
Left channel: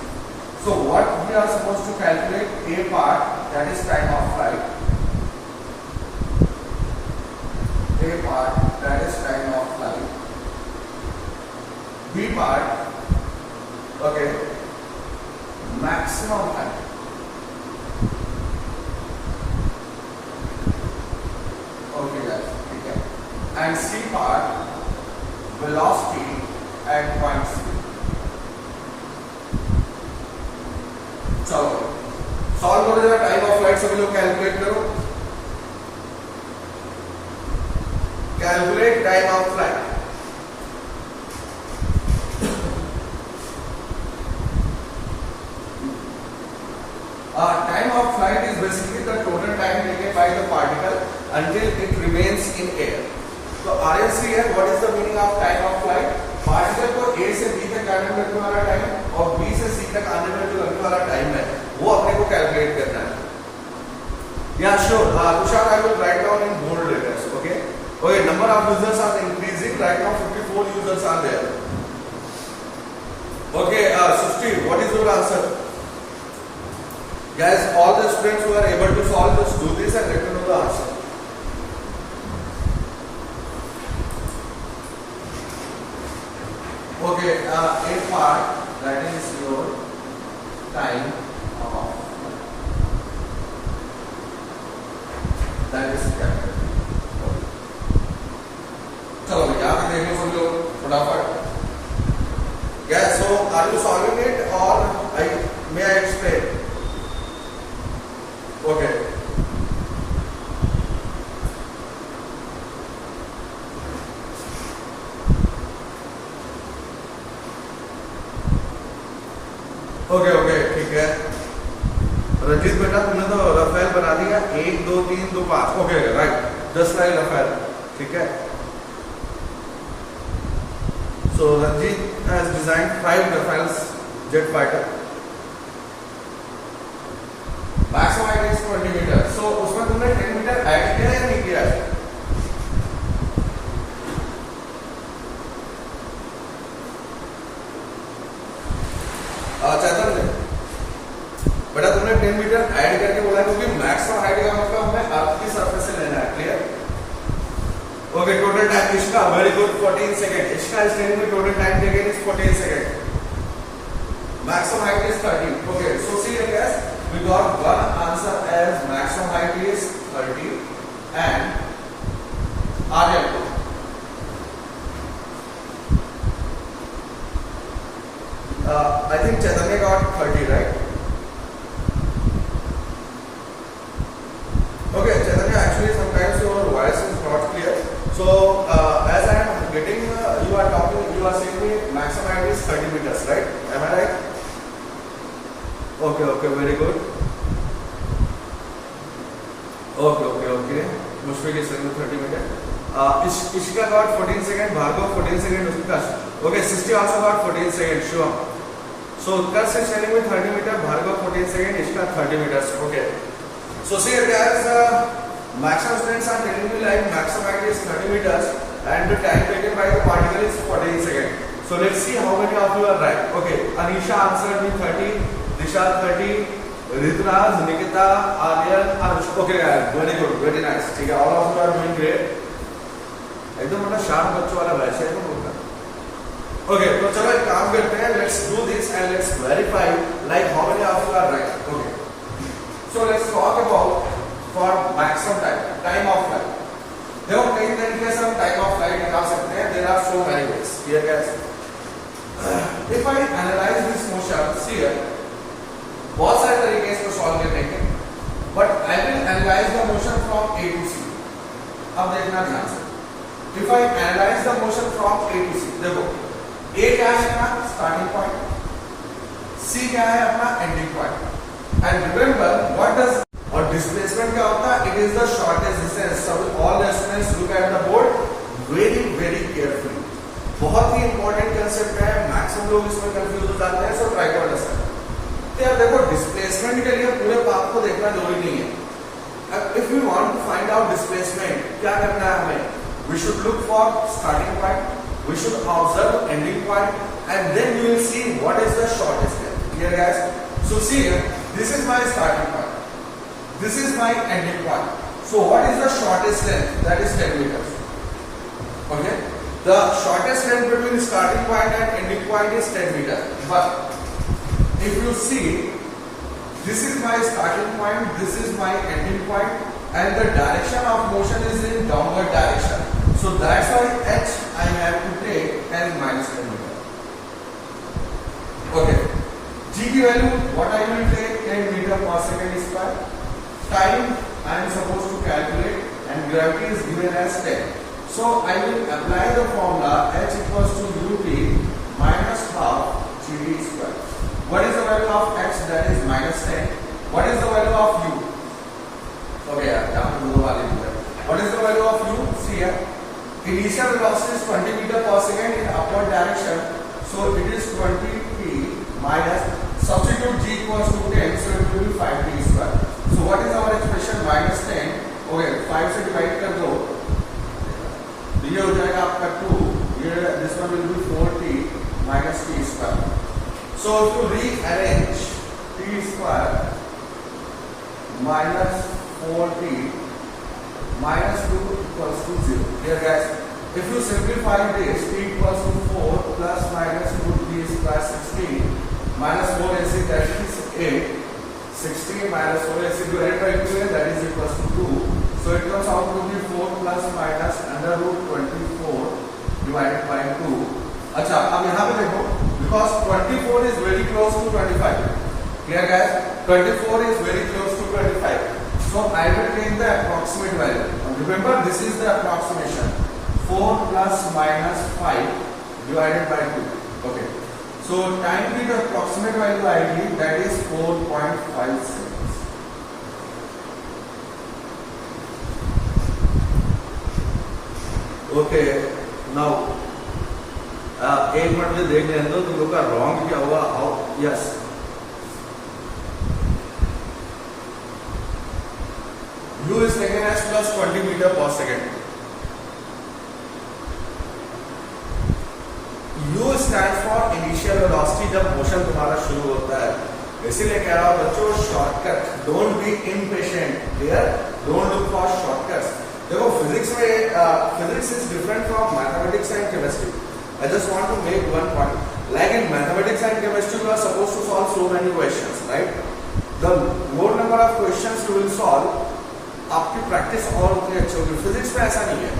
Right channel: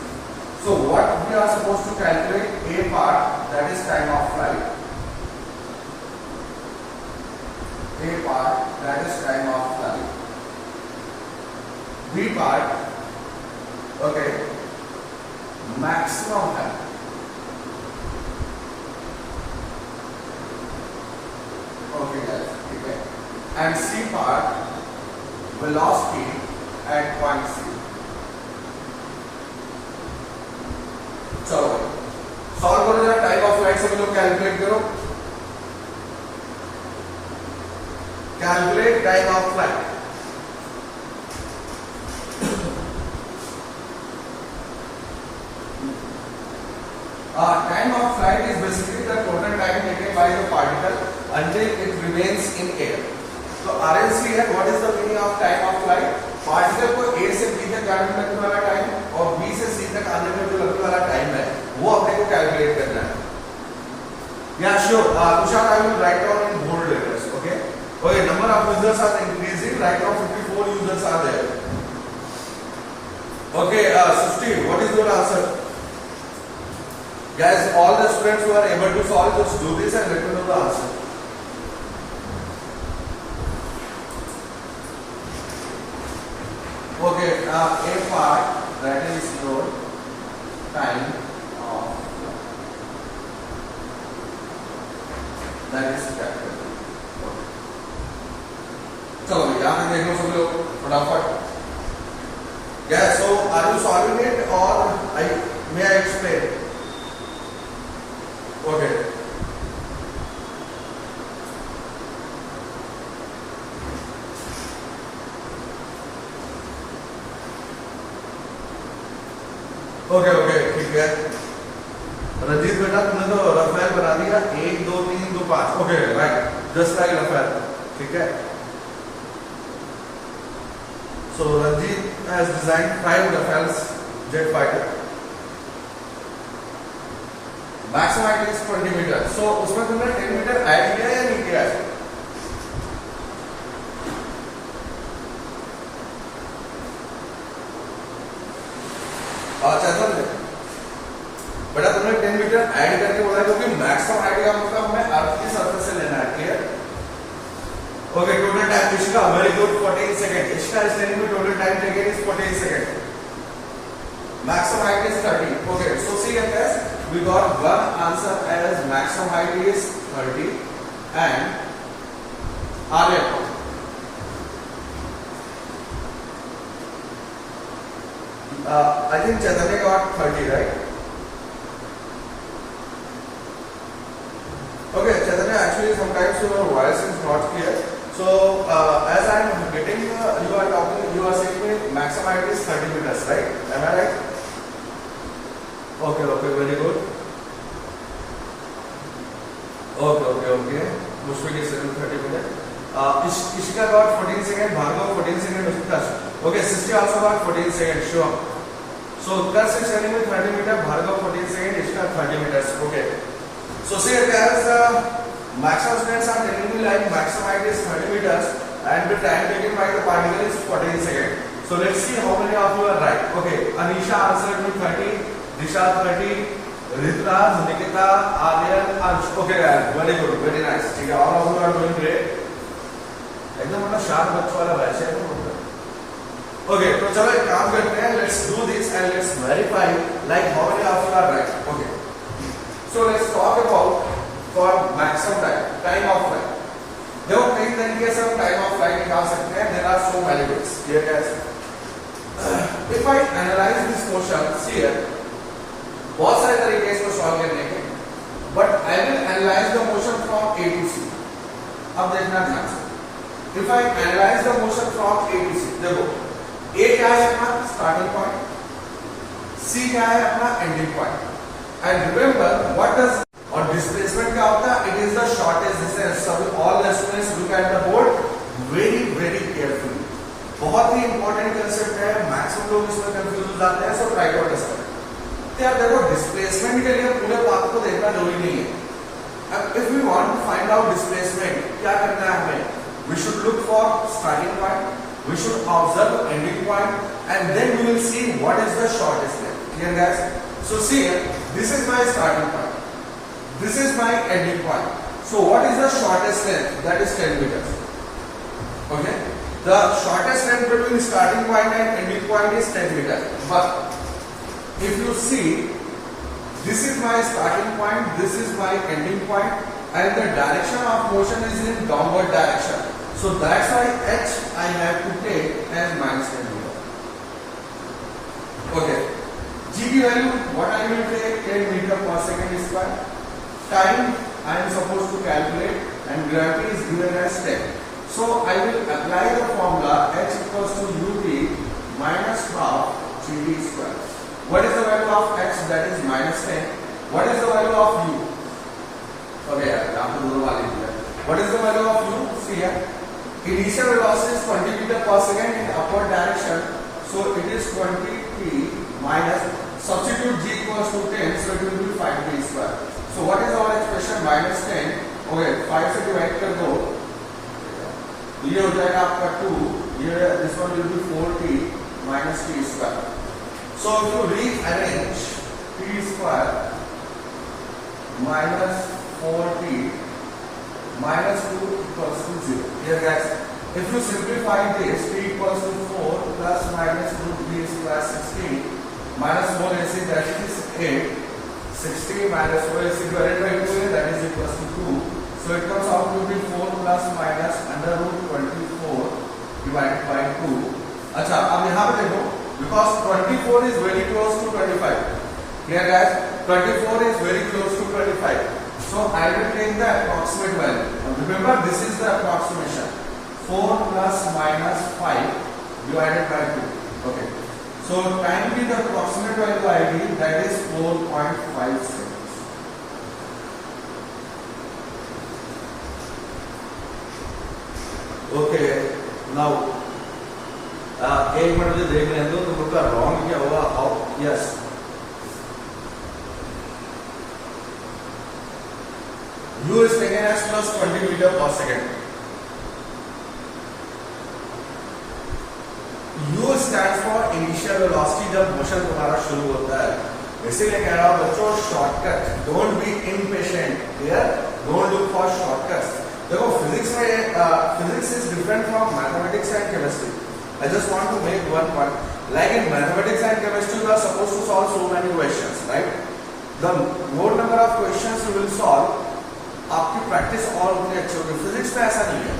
So what we are supposed to calculate? A part, that is time of flight. A part, that is time of flight. B part, okay, maximum time. Okay guys, okay. And C part, velocity at point C. चलो solve करो जरा, time of flight सभी लोग calculate करो। Calculate time of flight. Time of flight is basically the total time taken by the particle until it remains in air. So RLC है, what is the meaning of time of flight? Particle को A से B तक आने में लगने वाला time और B से C तक आने में जो लगने वाला टाइम है वो अपने को कैलकुलेट करना है। Yeah, sure. Tushar, I will write down in bold letters. Okay. Okay. Number of users are increasing. Right now, 54 users are there. Okay. Sushti, what is your answer? Guys, all the students who are able to solve this, do this and let me know the answer. Okay, A part that is your time of that is capital. चलो यहाँ पे देखो सब लोग फटाफट. Yeah, so are you solving it or may I explain? Okay. Okay ठीक है. रंजीत बेटा तुमने तो रफेल बना दिया 1 2 3 2 5. Okay right, just like Rafale. ठीक है. So Ranjit has designed 5 Rafales jet fighter. Maximum height is 20 meter. So उसमें तुमने 10 मीटर ऐड किया या नहीं किया है? चैतन्य बेटा तुमने 10 मीटर ऐड करके बोला क्योंकि मैक्सिमम हाइट का मतलब हमें अर्थ की सरफेस से लेना है. क्लियर? ओके, टोटल टाइम इसका वेरी गुड 14 सेकंड. इसका इस टेन में total time taken is 14 second. Maximum height is 30. Okay, so see here guys, we got one answer as maximum height is 30 and Aryan I think Chaitanya got 30, right? Okay, Chaitanya, actually sometimes your voice is not clear. So, as I am getting, you are saying me maximum height is 30 meters, right? Am I right? Okay, very good. Okay. Mushfiq is saying 30 meters. Ishika got 14 seconds, Bhargav 14 seconds, Utkarsh. Okay, Sisti also got 14 seconds, sure. So Utkarsh is telling me 30 meters, Bhargav 14 seconds, Ishika 30 meters. Okay. So see here guys, maximum students are telling me like maximum height is 30 meters and the time taken by the particle is 14 seconds. So let's see how many of you are right. Okay, Anisha answered me 30, Nishad 30, Ritunaz, Nikita, Aryan, Anush. Okay guys, very good, very nice. ठीक है, all of you are doing great. एकदम मतलब sharp बच्चों वाला वैसे है तो होता है. ओके, तो चलो एक काम करते हैं. Let's do this and let's verify like how many of you are right. Okay, so let's talk about for maximum time of flight. देखो कई तरीके से हम टाइम ऑफ फ्लाइट निकाल सकते हैं. There are so many ways. Here guys, if I analyze this question, see here बहुत सारे तरीके इसको सॉल्व करने के, but I will analyse the motion from A to C. अब देखना ध्यान से. If I analyze the motion from A to C, देखो A क्या है अपना starting point, C क्या है अपना ending point, and remember what does और displacement क्या होता है? It is the shortest distance. So all the students look at the board very carefully. बहुत ही important concept है. maximum लोग इसमें confuse हो जाते हैं. So try to understand. तो यार देखो displacement के लिए पूरे पाथ को देखना जरूरी नहीं है. If we want to find out displacement, क्या करना है हमें? We should look for starting point, we should observe ending point, and then we will see what is the shortest length. Clear guys? So see, this is my starting point, this is my ending point. So what is the shortest length? That is 10 meters. Okay? The shortest length between starting point and ending point is 10 meters. But if you see, this is my starting point, this is my ending point, and the direction of motion is in downward direction. So that's why h I have to take as minus 10 meter. Okay. G की value what I will take 10 meter per second square. Time I am supposed to calculate and gravity is given as 10. So I will apply the formula h equals to ut minus half gd square. What is the value of h? That is minus 10. What is the value of u? Okay, what is the value of u? See here. Initial velocity is 20 meter per second in upward direction. So it is 20 t minus, substitute g equals to 10, so it will be 5 t square. So what is our expression? Minus 10. Okay, 5 से divide कर दो. ये हो जाएगा आपका 2. ये this one will be 4t minus t square. So if you rearrange t square minus 4t minus 2 equals to 0. Here guys, if you simplify this, t equals to 4 plus minus root b square 16 minus 4 ac, that is 8. 16 minus 4 ac divided by 2, that is equals to 2. So it comes out to be 4 plus minus under root 24 divided by 2. अच्छा, अब यहाँ पे देखो, because 24 is very close to 25. Clear guys? 24 is very close to 25. So I will take the approximate value. Remember, this is the approximation. 4 plus minus 5 divided by 2. Okay. So time be the approximate value I give, that is 4.56. Okay. Now, एक minute में देख लें तो तुम का wrong क्या हुआ? How? Yes, U is taken as plus 20 meter per second. U stands for initial velocity जब मोशन तुम्हारा शुरू होता है. इसीलिए कह रहा हूं बच्चों, shortcut, don't be impatient. Clear? Don't look for shortcuts. देखो, फिजिक्स में physics is different from mathematics and chemistry. I just want to make one point. Like in mathematics and chemistry, you are supposed to solve so many questions, right? The more number of questions you will solve, आपकी practice और उतनी अच्छी होगी. Physics में ऐसा नहीं है.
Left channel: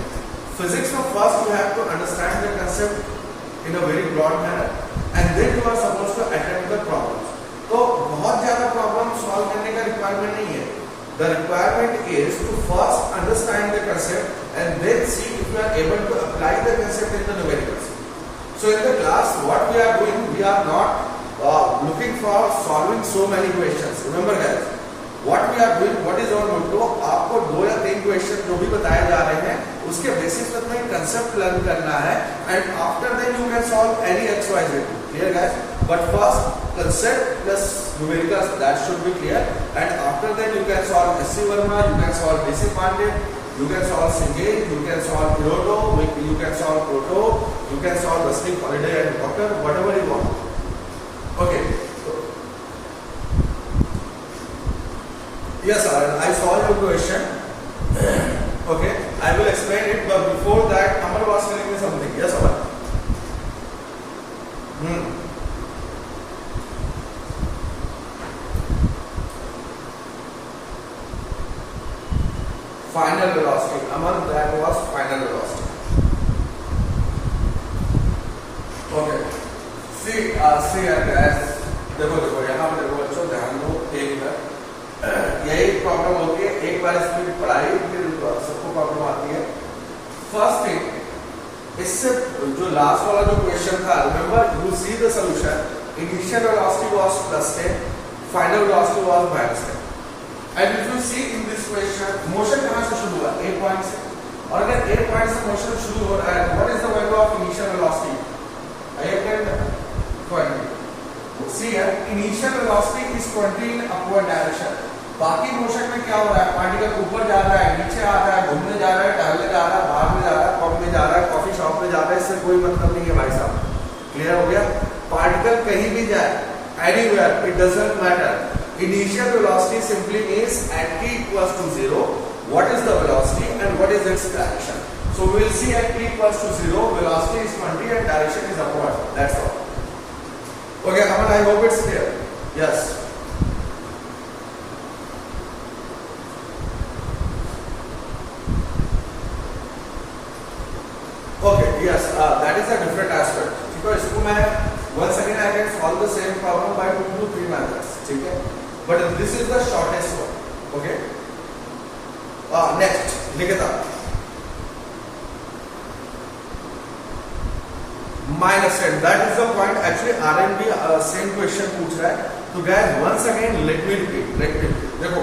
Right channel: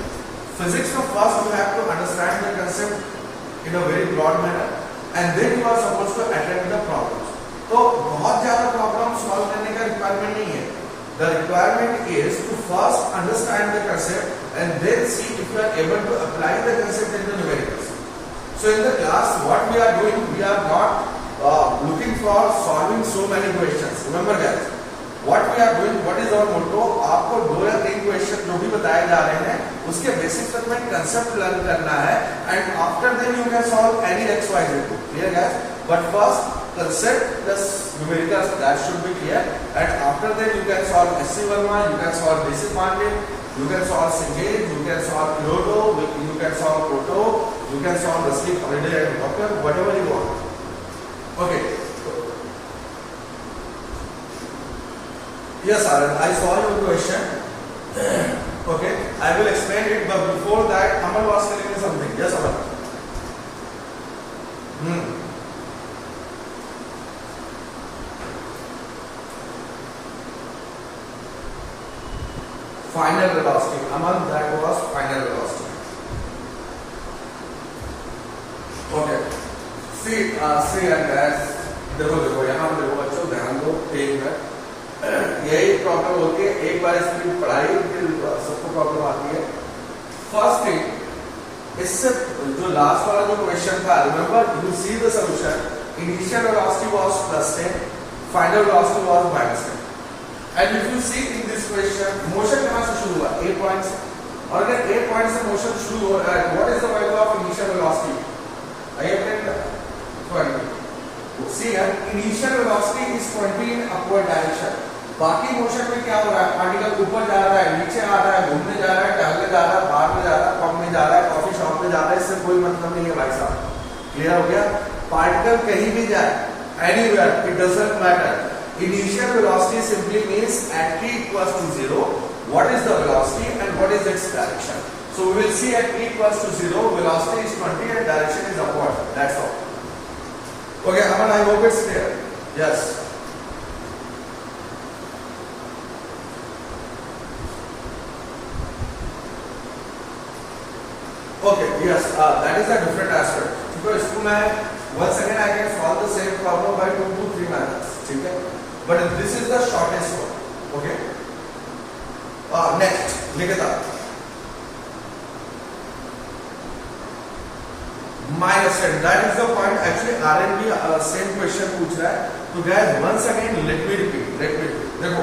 Physics में first you have to understand the concept in a very broad manner and then you are suppose to attempt the problems. तो बहुत ज्यादा प्रॉब्लम सॉल्व करने का रिक्वायरमेंट नहीं है. The requirement is to first understand the concept and then see if you are able to apply the concept in the numericals. So in the class, what we are doing, we are not looking for solving so many questions. Remember guys, what we are doing, what is our motto? आपको 2 या 3 question जो भी बताए जा रहे हैं, उसके basis पर तुम्हें कंसेप्ट लर्न करना है, and after that you can solve any x, y, z. Clear guys? But first, concept plus numericals, that should be clear, and after that you can solve S.C. Verma, you can solve D.C. Pandey, you can solve Singh, you can solve Piloto, you can solve Proto, you can solve Rusty, Holiday and Walker, whatever you want. Okay. Yes, sir. I saw your question. Okay, I will explain it, but before that, Amal was telling me something. Yes, Amal. Final velocity. Amal, that was final velocity. Okay. See and guys, देखो यहाँ देखो बच्चों, ध्यान दो. ठीक है, यही problem होती है. एक बार इसकी पढ़ाई फिर सबको प्रॉब्लम आती है. फर्स्ट थिंग, इससे जो लास्ट वाला जो क्वेश्चन था, remember, you see the solution. Initial velocity was +10, final velocity was -10. And if you see in this question, motion कहां से शुरू हुआ? 8 पॉइंट से. और अगर 8 पॉइंट से मोशन शुरू हो रहा है, what is the value of initial velocity? I explain that. 20. See here, initial velocity is 20 in upward direction. बाकी मोशन में क्या हो रहा है? पार्टिकल ऊपर जा रहा है, नीचे आ रहा है, घूमने जा रहा है, टहलने जा रहा है, बाहर में जा रहा है, पब में जा रहा है, कॉफी शॉप में जा रहा है. इससे कोई मतलब नहीं है भाई साहब. क्लियर हो गया? पार्टिकल कहीं भी जाए, anywhere, it doesn't matter. Initial velocity simply means at t equals to 0, what is the velocity and what is its direction. So we will see at t equals to 0, velocity is 20 and direction is upward. That's all. Okay, Aman, I hope it's clear. Yes. Okay, yes, that is a different aspect. Because इसको मैं once again I can solve the same problem by 2 to 3 methods. ठीक है? But this is the shortest one. Okay. Next, Nikita. -10. That is the point. Actually, R&D same question पूछ रहा है. तो guys, once again, let me repeat. देखो,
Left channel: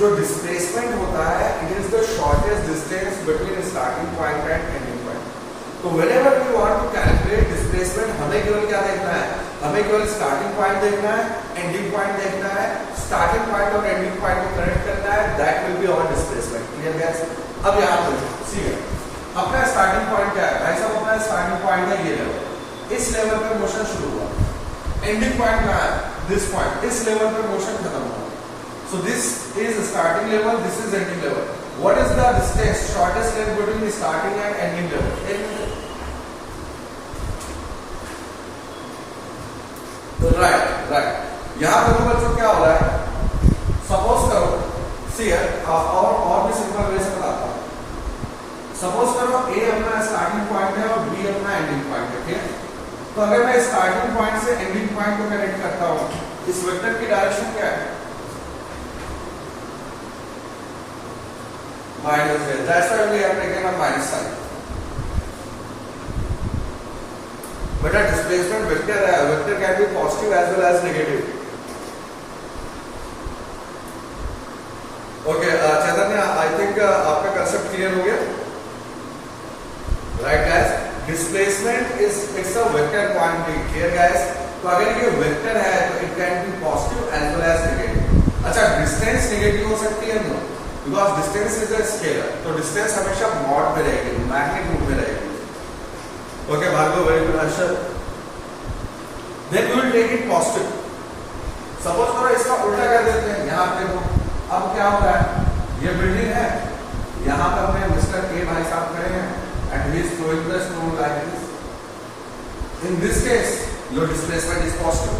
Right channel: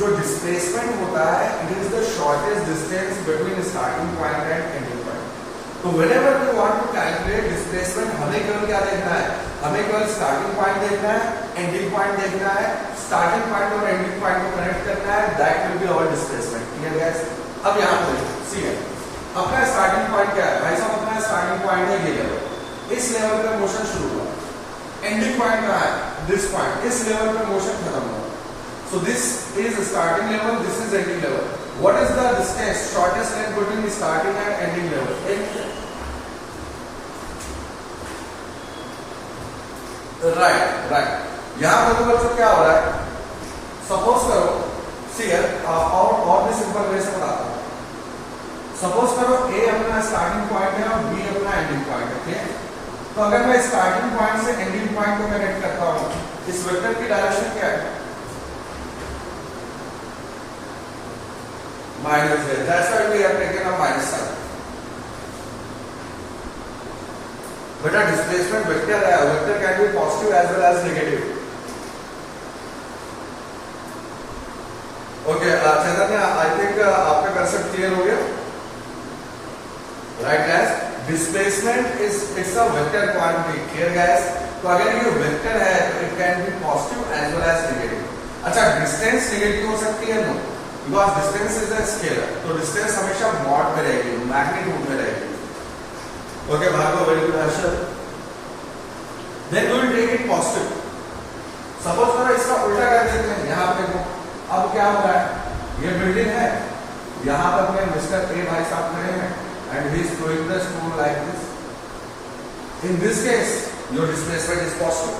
जो displacement होता है, it is the shortest distance between starting point and ending point. तो whenever we want to calculate displacement, हमें केवल क्या देखना है? हमें केवल स्टार्टिंग पॉइंट देखना है, एंडिंग पॉइंट देखना है. स्टार्टिंग पॉइंट और एंडिंग पॉइंट को कनेक्ट करना है. That will be our displacement. Clear guys? अब यहाँ पे सी है, अपना स्टार्टिंग पॉइंट क्या है भाई साहब? अपना स्टार्टिंग पॉइंट है ये लेवल. इस लेवल पे मोशन शुरू हुआ. एंडिंग पॉइंट कहाँ है? This point. इस लेवल पे मोशन खत्म हुआ. सो this is starting level, this is ending level. What is the distance, shortest length between starting and ending level? Right यहां पर तो बच्चों क्या हो रहा है, सपोज करो सी और भी सिंपल वे से बताता हूं। सपोज करो ए अपना स्टार्टिंग पॉइंट है और बी अपना एंडिंग पॉइंट है, ठीक है। तो अगर मैं स्टार्टिंग पॉइंट से एंडिंग पॉइंट को कनेक्ट करता हूं, इस वेक्टर की डायरेक्शन क्या है, माइनस है। That's why we have taken a minus sign. बेटा डिस्प्लेसमेंट वेक्टर है, vector can be positive as well as negative. Okay Chaitanya, I think आपका कंसेप्ट क्लियर हो गया, right guys. Displacement is it's a vector quantity, clear guys. तो अगर ये vector है तो it can be positive as well as negative. अच्छा distance negative हो सकती है, no, because distance is a scalar, तो डिस्टेंस हमेशा मॉड में रहेगी, मैग्नीट्यूड में रहेगी। Okay, Bhargav, very good answer. Then we will take it positive. Suppose करो इसका उल्टा कर देते हैं, यहाँ पे देखो, अब क्या हो रहा है, ये बिल्डिंग है, यहाँ पर मैं मिस्टर ए भाई साहब खड़े हैं, and he is throwing the stone like this. In this case, your displacement is positive.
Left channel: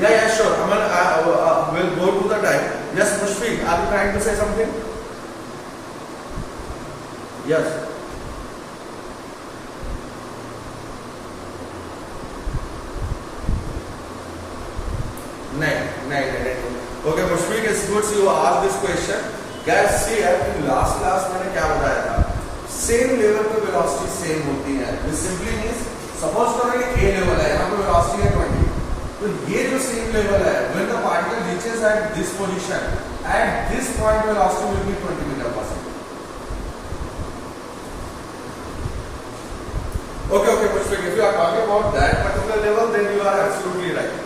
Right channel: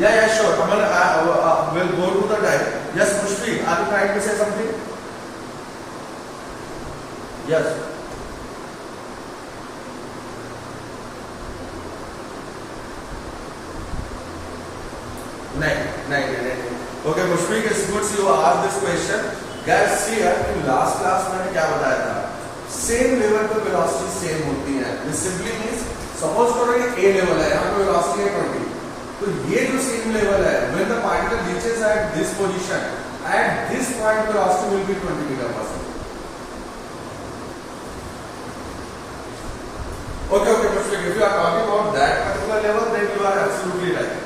Yeah, sure. Amal, will go to the time. Yes, Mushfiq, are you trying to say something? Yes. नहीं। Okay, Mushfiq, it's good you ask this question. Guys, see here in last class मैंने क्या बताया था, same level पे velocity same होती है। This simply means suppose करो ये A लेवल है, यहाँ पे वेलोसिटी है 20, तो ये जो सेम लेवल है, when the particle reaches at this position, at this point velocity will be 20 meter per second. Okay, Mushfiq, if you are talking about that particular level, then you are absolutely right.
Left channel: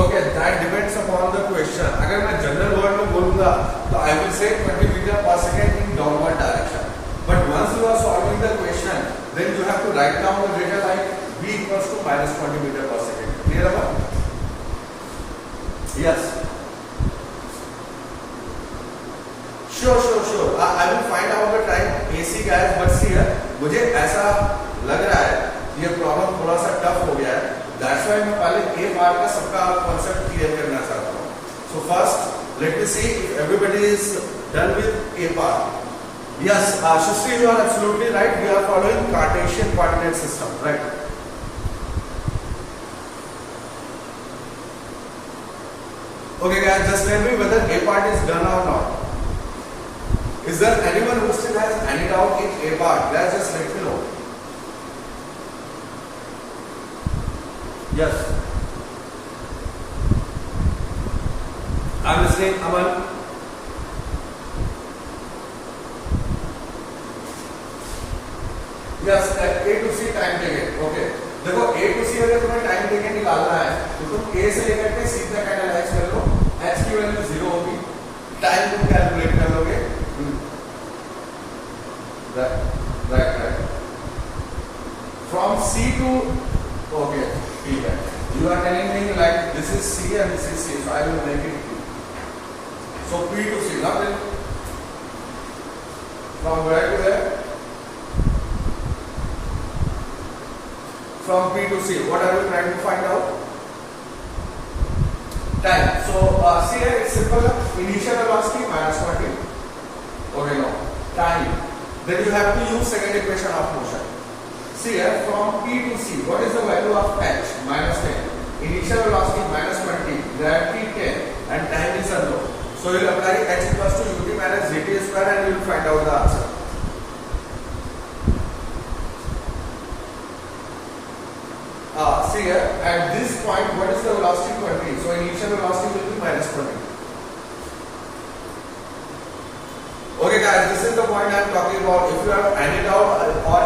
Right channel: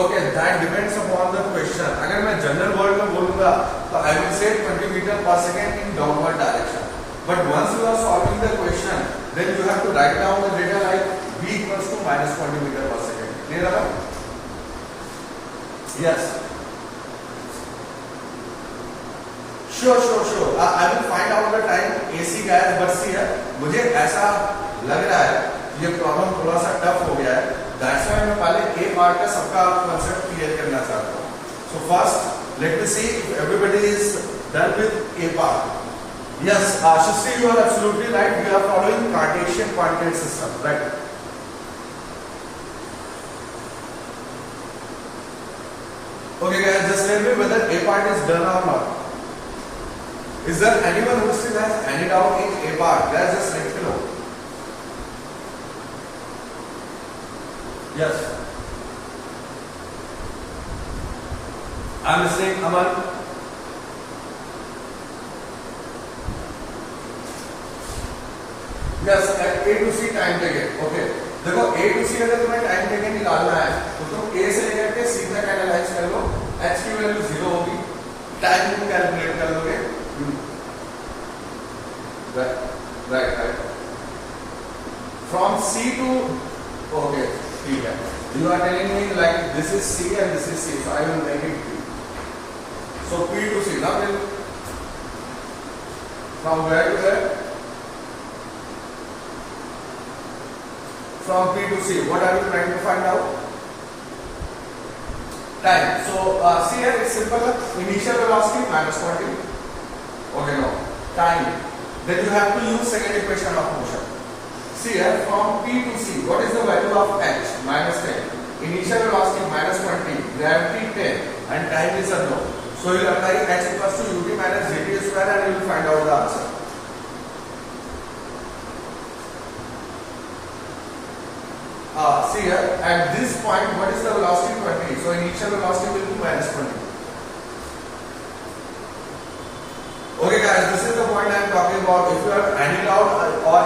Okay, that depends upon the question. अगर मैं general word में बोलूंगा तो I will say 20 meter per second in downward direction. But once you are solving the question, then you have to write down the data like v equals to minus 20 meter per second. Clear about? Yes. Sure. I will find out the time AC guys, but see here, मुझे ऐसा लग रहा है ये problem थोड़ा सा tough हो गया है। That's why मैं पहले A पार्ट का सबका कॉन्सेप्ट क्लियर करना चाहता हूँ। So first, let me see if everybody is done with A part. Yes, Shastri, you are absolutely right. We are following Cartesian coordinate system, right? Okay, guys, just tell me whether A part is done or not. Is there anyone who still has any doubt in A part? Guys, just let me know. Yes. I'm listening, Amal. Yes, A to C time taken. Okay. देखो A to C अगर तुम्हें time taken निकालना है तो तुम A से लेकर के C तक एनालाइज कर लो. H की वैल्यू 0 होगी. टाइम तुम कैलकुलेट कर लोगे. Right. From C to okay. ठीक है. You are telling me like this is C and this is C, so I will make it P. So P to C. Now then, from where to where? From P to C. What are you trying to find out? Time. So see here, it's simple. Initial velocity minus 40. Okay, no. Time. Then you have to use second equation of motion. See here, from P to C, what is the value of h? Minus 10. Initial velocity minus 20, gravity 10, and time is unknown. So you will apply h equals to ut minus gt square and you will find out the answer. See here, at this point, what is the velocity? 20. So initial velocity will be minus 20. Okay guys, this is the point I am talking about. If you have any doubt or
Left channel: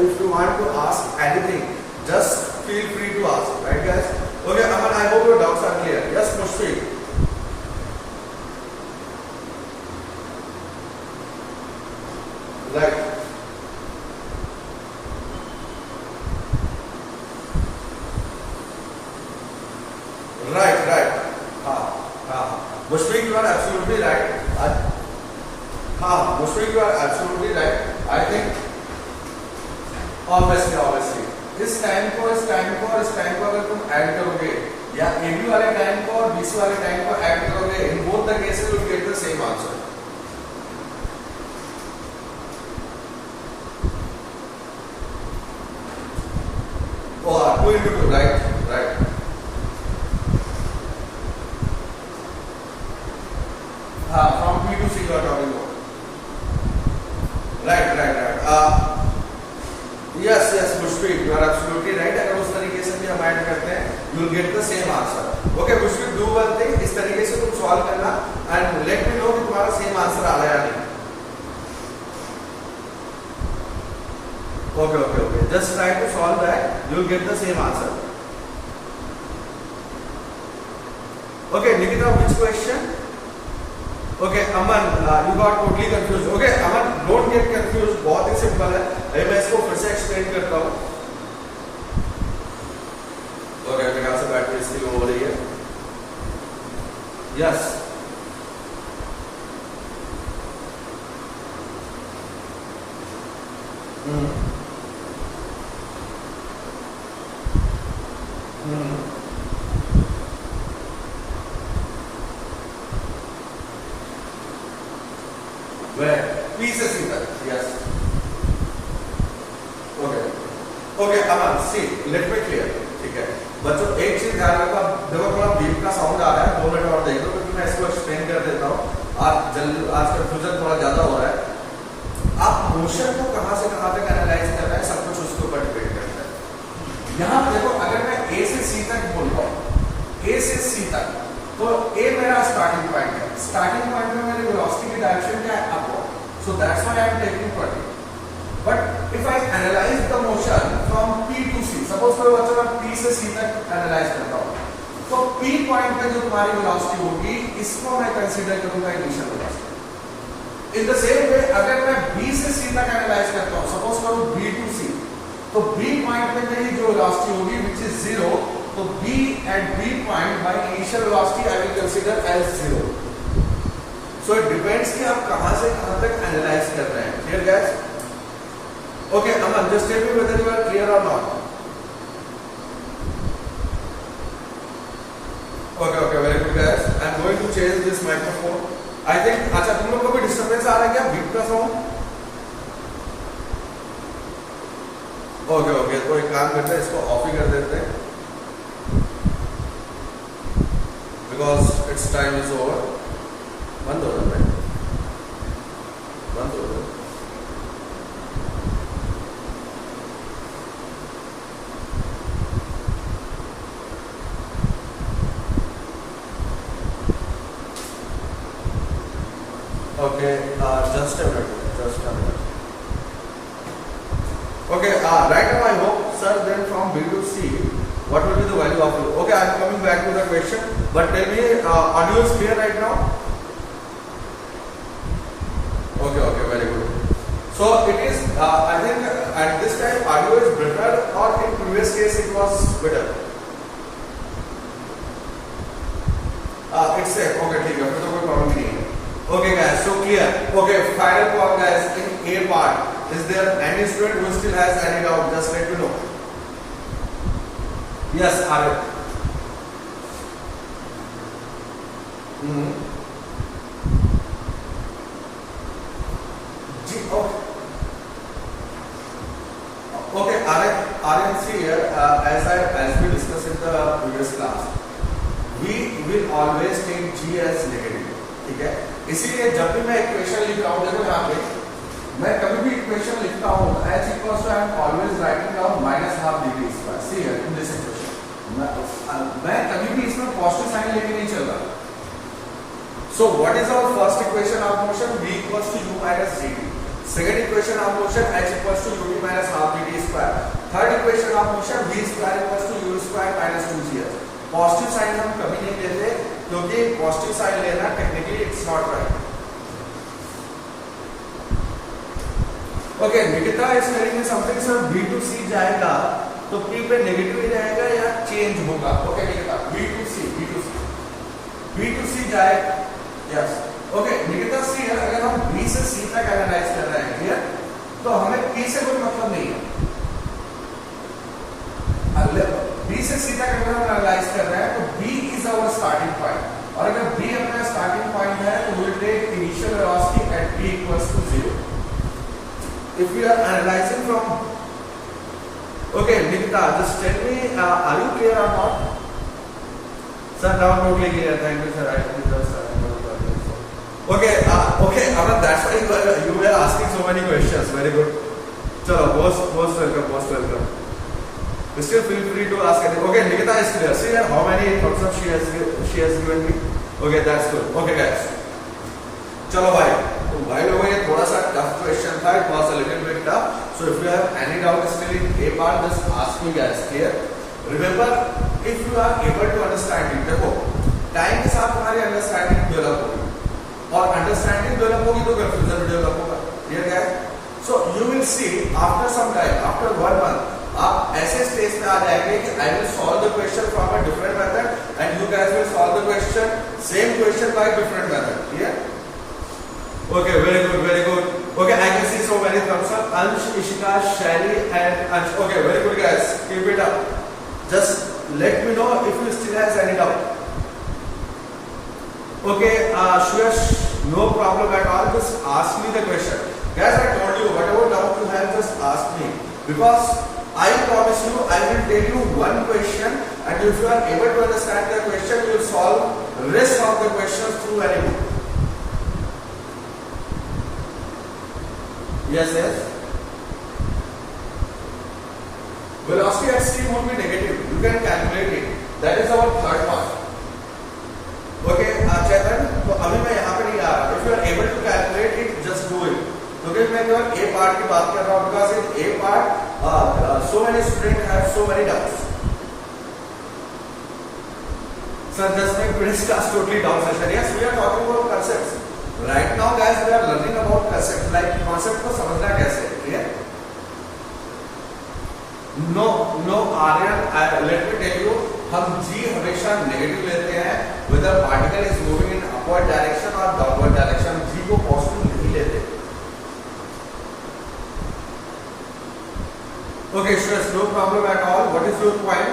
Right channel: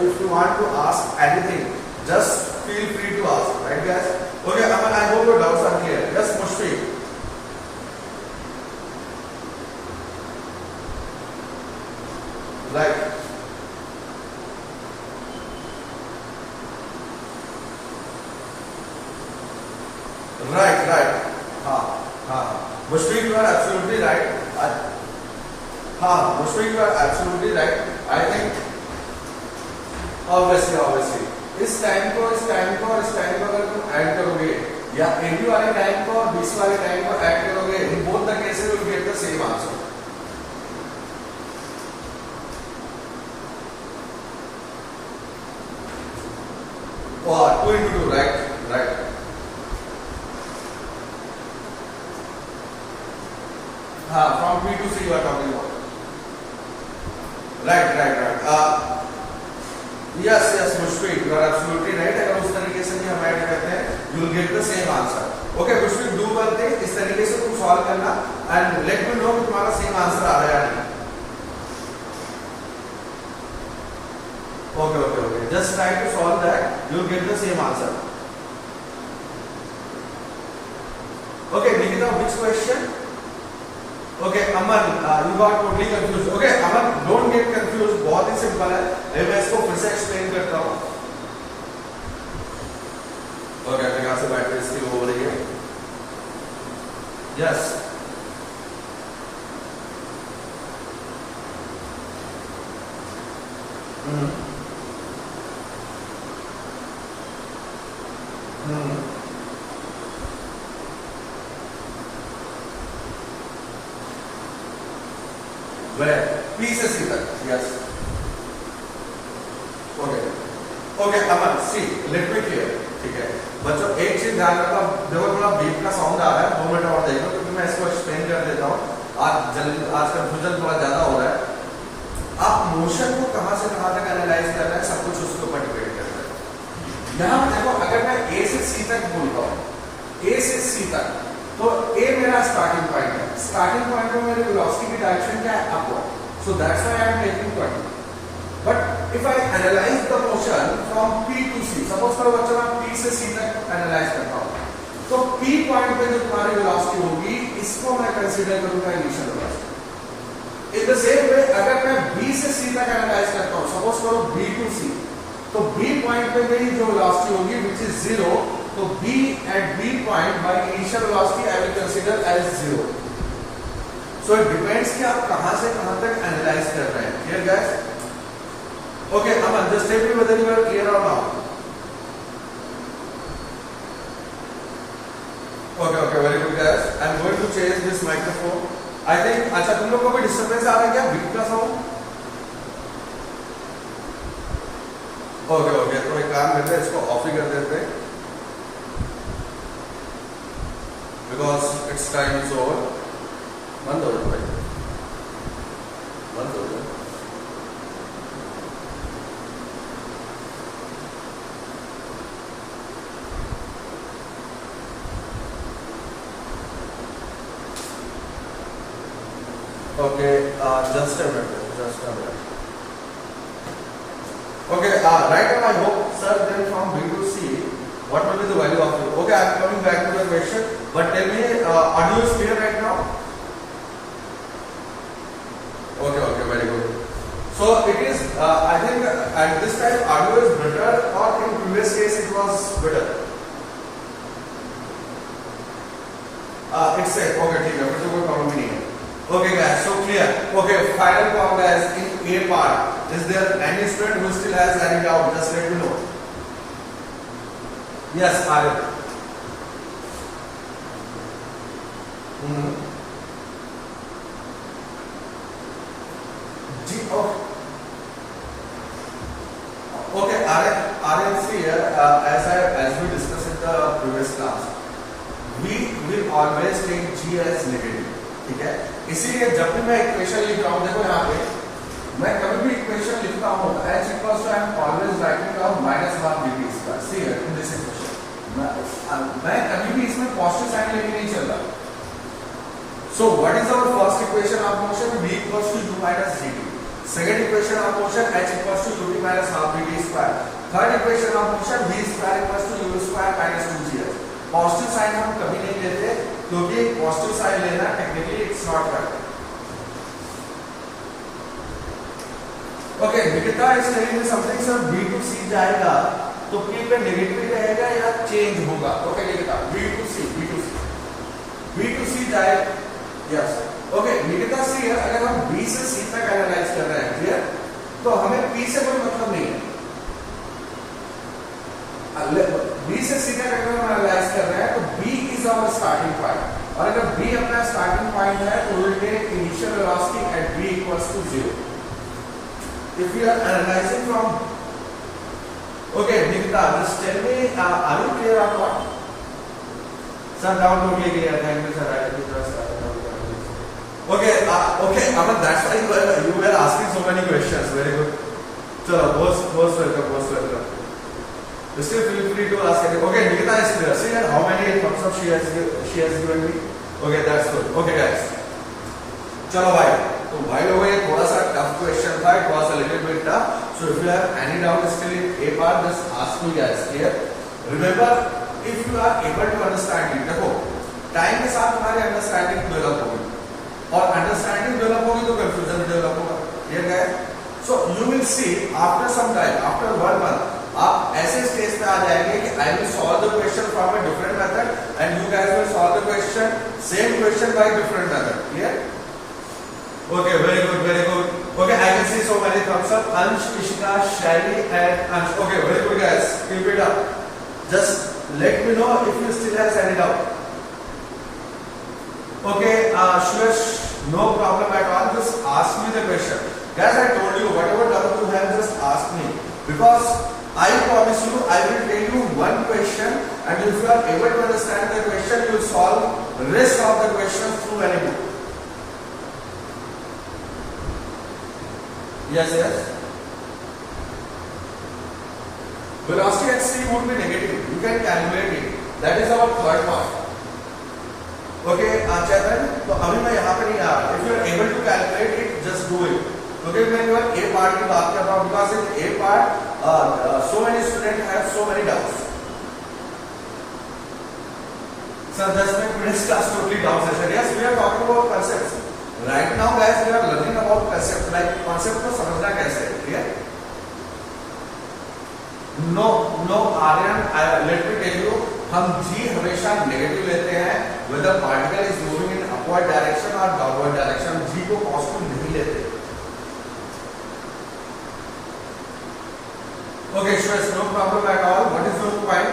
if you want to ask anything, just feel free to ask, right guys? Okay, Aman, I hope your doubts are clear. Yes, Mushfiq. Right. Right right, हाँ हाँ, Mushfiq you are absolutely right, हाँ Mushfiq you are absolutely right. I think obviously obviously इस time को और इस time को अगर तुम ऐड करोगे या AB वाले टाइम को और BC वाले टाइम को ऐड करोगे, in both the cases you get the same answer. और 2 into 2, राइट राइट, हाँ from B to C you are talking about, right right right, yes yes Mushfiq you are absolutely right. अगर उस तरीके से भी हम ऐड करते हैं you will get the same answer. Okay Mushfiq, do one thing, इस तरीके से तुम सॉल्व करना एंड लेट मी नो कि तुम्हारा सेम आंसर आ रहा है या नहीं। Okay okay okay, just try to solve that, you will get the same answer. Okay Nikita, which question? Okay Aman, you got totally confuse. Okay Aman, don't get confuse, बहुत ही simple है, मैं इसको फिर से एक्सप्लेन करता हूं। ओके मेरे ख्याल से बैटरी इसकी हो रही है, यस P से C तक, यस ओके ओके अमन, सी लेट मी क्लियर, ठीक है बच्चों एक चीज ध्यान रखो, देखो थोड़ा बीप का साउंड आ रहा है, 2 मिनट और देखो क्योंकि मैं इसको एक्सप्लेन कर देता हूँ, आज कंफ्यूजन थोड़ा ज्यादा हो रहा है। आप मोशन को कहां से कहां तक एनालाइज कर रहे हैं, सब कुछ उसके ऊपर डिपेंड करता है। यहां देखो अगर मैं A से C तक बोलता हूँ, A से C तक, तो A मेरा स्टार्टिंग पॉइंट है, स्टार्टिंग पॉइंट में मेरी वेलोसिटी की डायरेक्शन क्या है, upward, so that's why I am taking 20. But if I analyze the motion from P to C, suppose for बच्चों मैं P से C तक एनालाइज करता हूँ, तो P पॉइंट पे जो तुम्हारी वेलोसिटी होगी इसको मैं कंसीडर करूंगा initial velocity. In the same वे अगर मैं B से C तक एनालाइज करता हूँ, सपोज करो B to C, तो B पॉइंट पे मेरी जो वेलोसिटी होगी विच इज 0, तो B at B point by initial velocity I will consider as 0. So it depends कि आप कहां से कहां तक एनालाइज कर रहे हैं। Clear guys? Okay, Aman, just tell me whether you are clear or not. Okay, very good guys. I am going to change this microphone. I think, अच्छा तुम लोग को कोई डिस्टर्बेंस आ रहा है क्या बीट का साउंड? ओके तो एक काम करते हैं, इसको ऑफ ही कर देते हैं because its time is over. बंद हो रहा है, बंद हो रहा है। Okay, just a minute. Okay, right now I hope, sir, then from B to C, what will be the value of it? Okay, I am coming back to the question, but tell me, audio is clear right now? Okay, very good. So it is, I think at this time audio is better, or in previous case it was better? It's safe. Okay, ठीक है, फिर तो कोई problem नहीं है। Okay guys, so clear. Okay, final call guys, in A part, is there any student who still has any doubt? Just let me know. Yes, Arif. Okay, Arif, see here, as we discussed in the previous class, we will always take G as negative. ठीक है, इसीलिए जब भी मैं equation लिख रहा हूँ, देखो यहाँ पे मैं कभी भी इक्वेशन लिखता हूँ, h equals to I am always writing down -12 dt square. See here in this equation, मैं कभी भी इसमें पॉजिटिव साइन लेके नहीं चल रहा। So what is our first equation of motion? V equals to u minus dt. Second equation of motion, h equals to ut minus half dt square. Third equation of motion, v square equals to u square minus 2gh. Positive sign हम कभी नहीं लेते क्योंकि positive sign लेना technically it's not right. Okay Nikita, इस तरीके से something से B to C जाएगा तो P पे नेगेटिव जाएगा या चेंज होगा? Okay Nikita, B to C जाए, यस ओके निकिता सी है, अगर हम बी से सी तक एनालाइज कर रहे हैं, क्लियर, तो हमें पी से कोई मतलब नहीं है। बी से सी तक अगर हम एनालाइज कर रहे हैं तो B is our starting point, और अगर बी अपना स्टार्टिंग पॉइंट है तो will take initial velocity at B equals to 0। If we are analyzing from, okay Nikita just tell me are you clear और not? Sir down totally clear, thank you sir, I just okay Aman, that's why you were asking so many questions, very good. Chalo, most welcome. Still feel free to ask anything. Okay, Nikita is clear. See here how many thumbs up she has given me. Okay, that's good. Okay guys, चलो भाई, तो भाई लोगों ये थोड़ा सा tough question था, it was a little bit tough. So if you have any doubt still in a part, just ask me guys. Clear? Remember, if you are able to understand it, देखो time के साथ तुम्हारी understanding develop होगी, और understanding develop होगी तो confusion भी develop होगा। Clear guys? So you will see after some time, after 1 month आप ऐसे स्टेज पे आ जाएंगे कि I will solve the question from a different method and you guys will solve the question same question by different method. Clear? Okay, very good. Okay, I can see so many thumbs up, Ansh, Ishika, Shaili and Ansh. Okay, very good guys, keep it up. Just let me know if you still have any doubt. Okay, Suresh, no problem at all. Just ask me the question. Guys, I told you, whatever doubt you have, just ask me. Because I promise you, I will tell you one question, and if you are able to understand the question, you will solve the rest of the questions through any book. Yes. Velocity at c would be negative. You can calculate it. That is our third part. Okay Chaitan, तो अभी मैं यहाँ पे नहीं आ रहा। If you are able to calculate it, just do it. क्योंकि मैं केवल ए पार्ट की बात कर रहा हूँ, because in a part so many student have so many doubts. Sir just my previous class totally doubts है sir. Yes, we are talking about concepts right now guys, we are learning about concept, like concept को समझना कैसे है। Clear? No Aryan, let me tell you, हम जी हमेशा negative लेते हैं whether particle is moving in upward direction or downward direction, जी को पॉजिटिव नहीं लेते। Okay, sure, no problem at all. What is your point?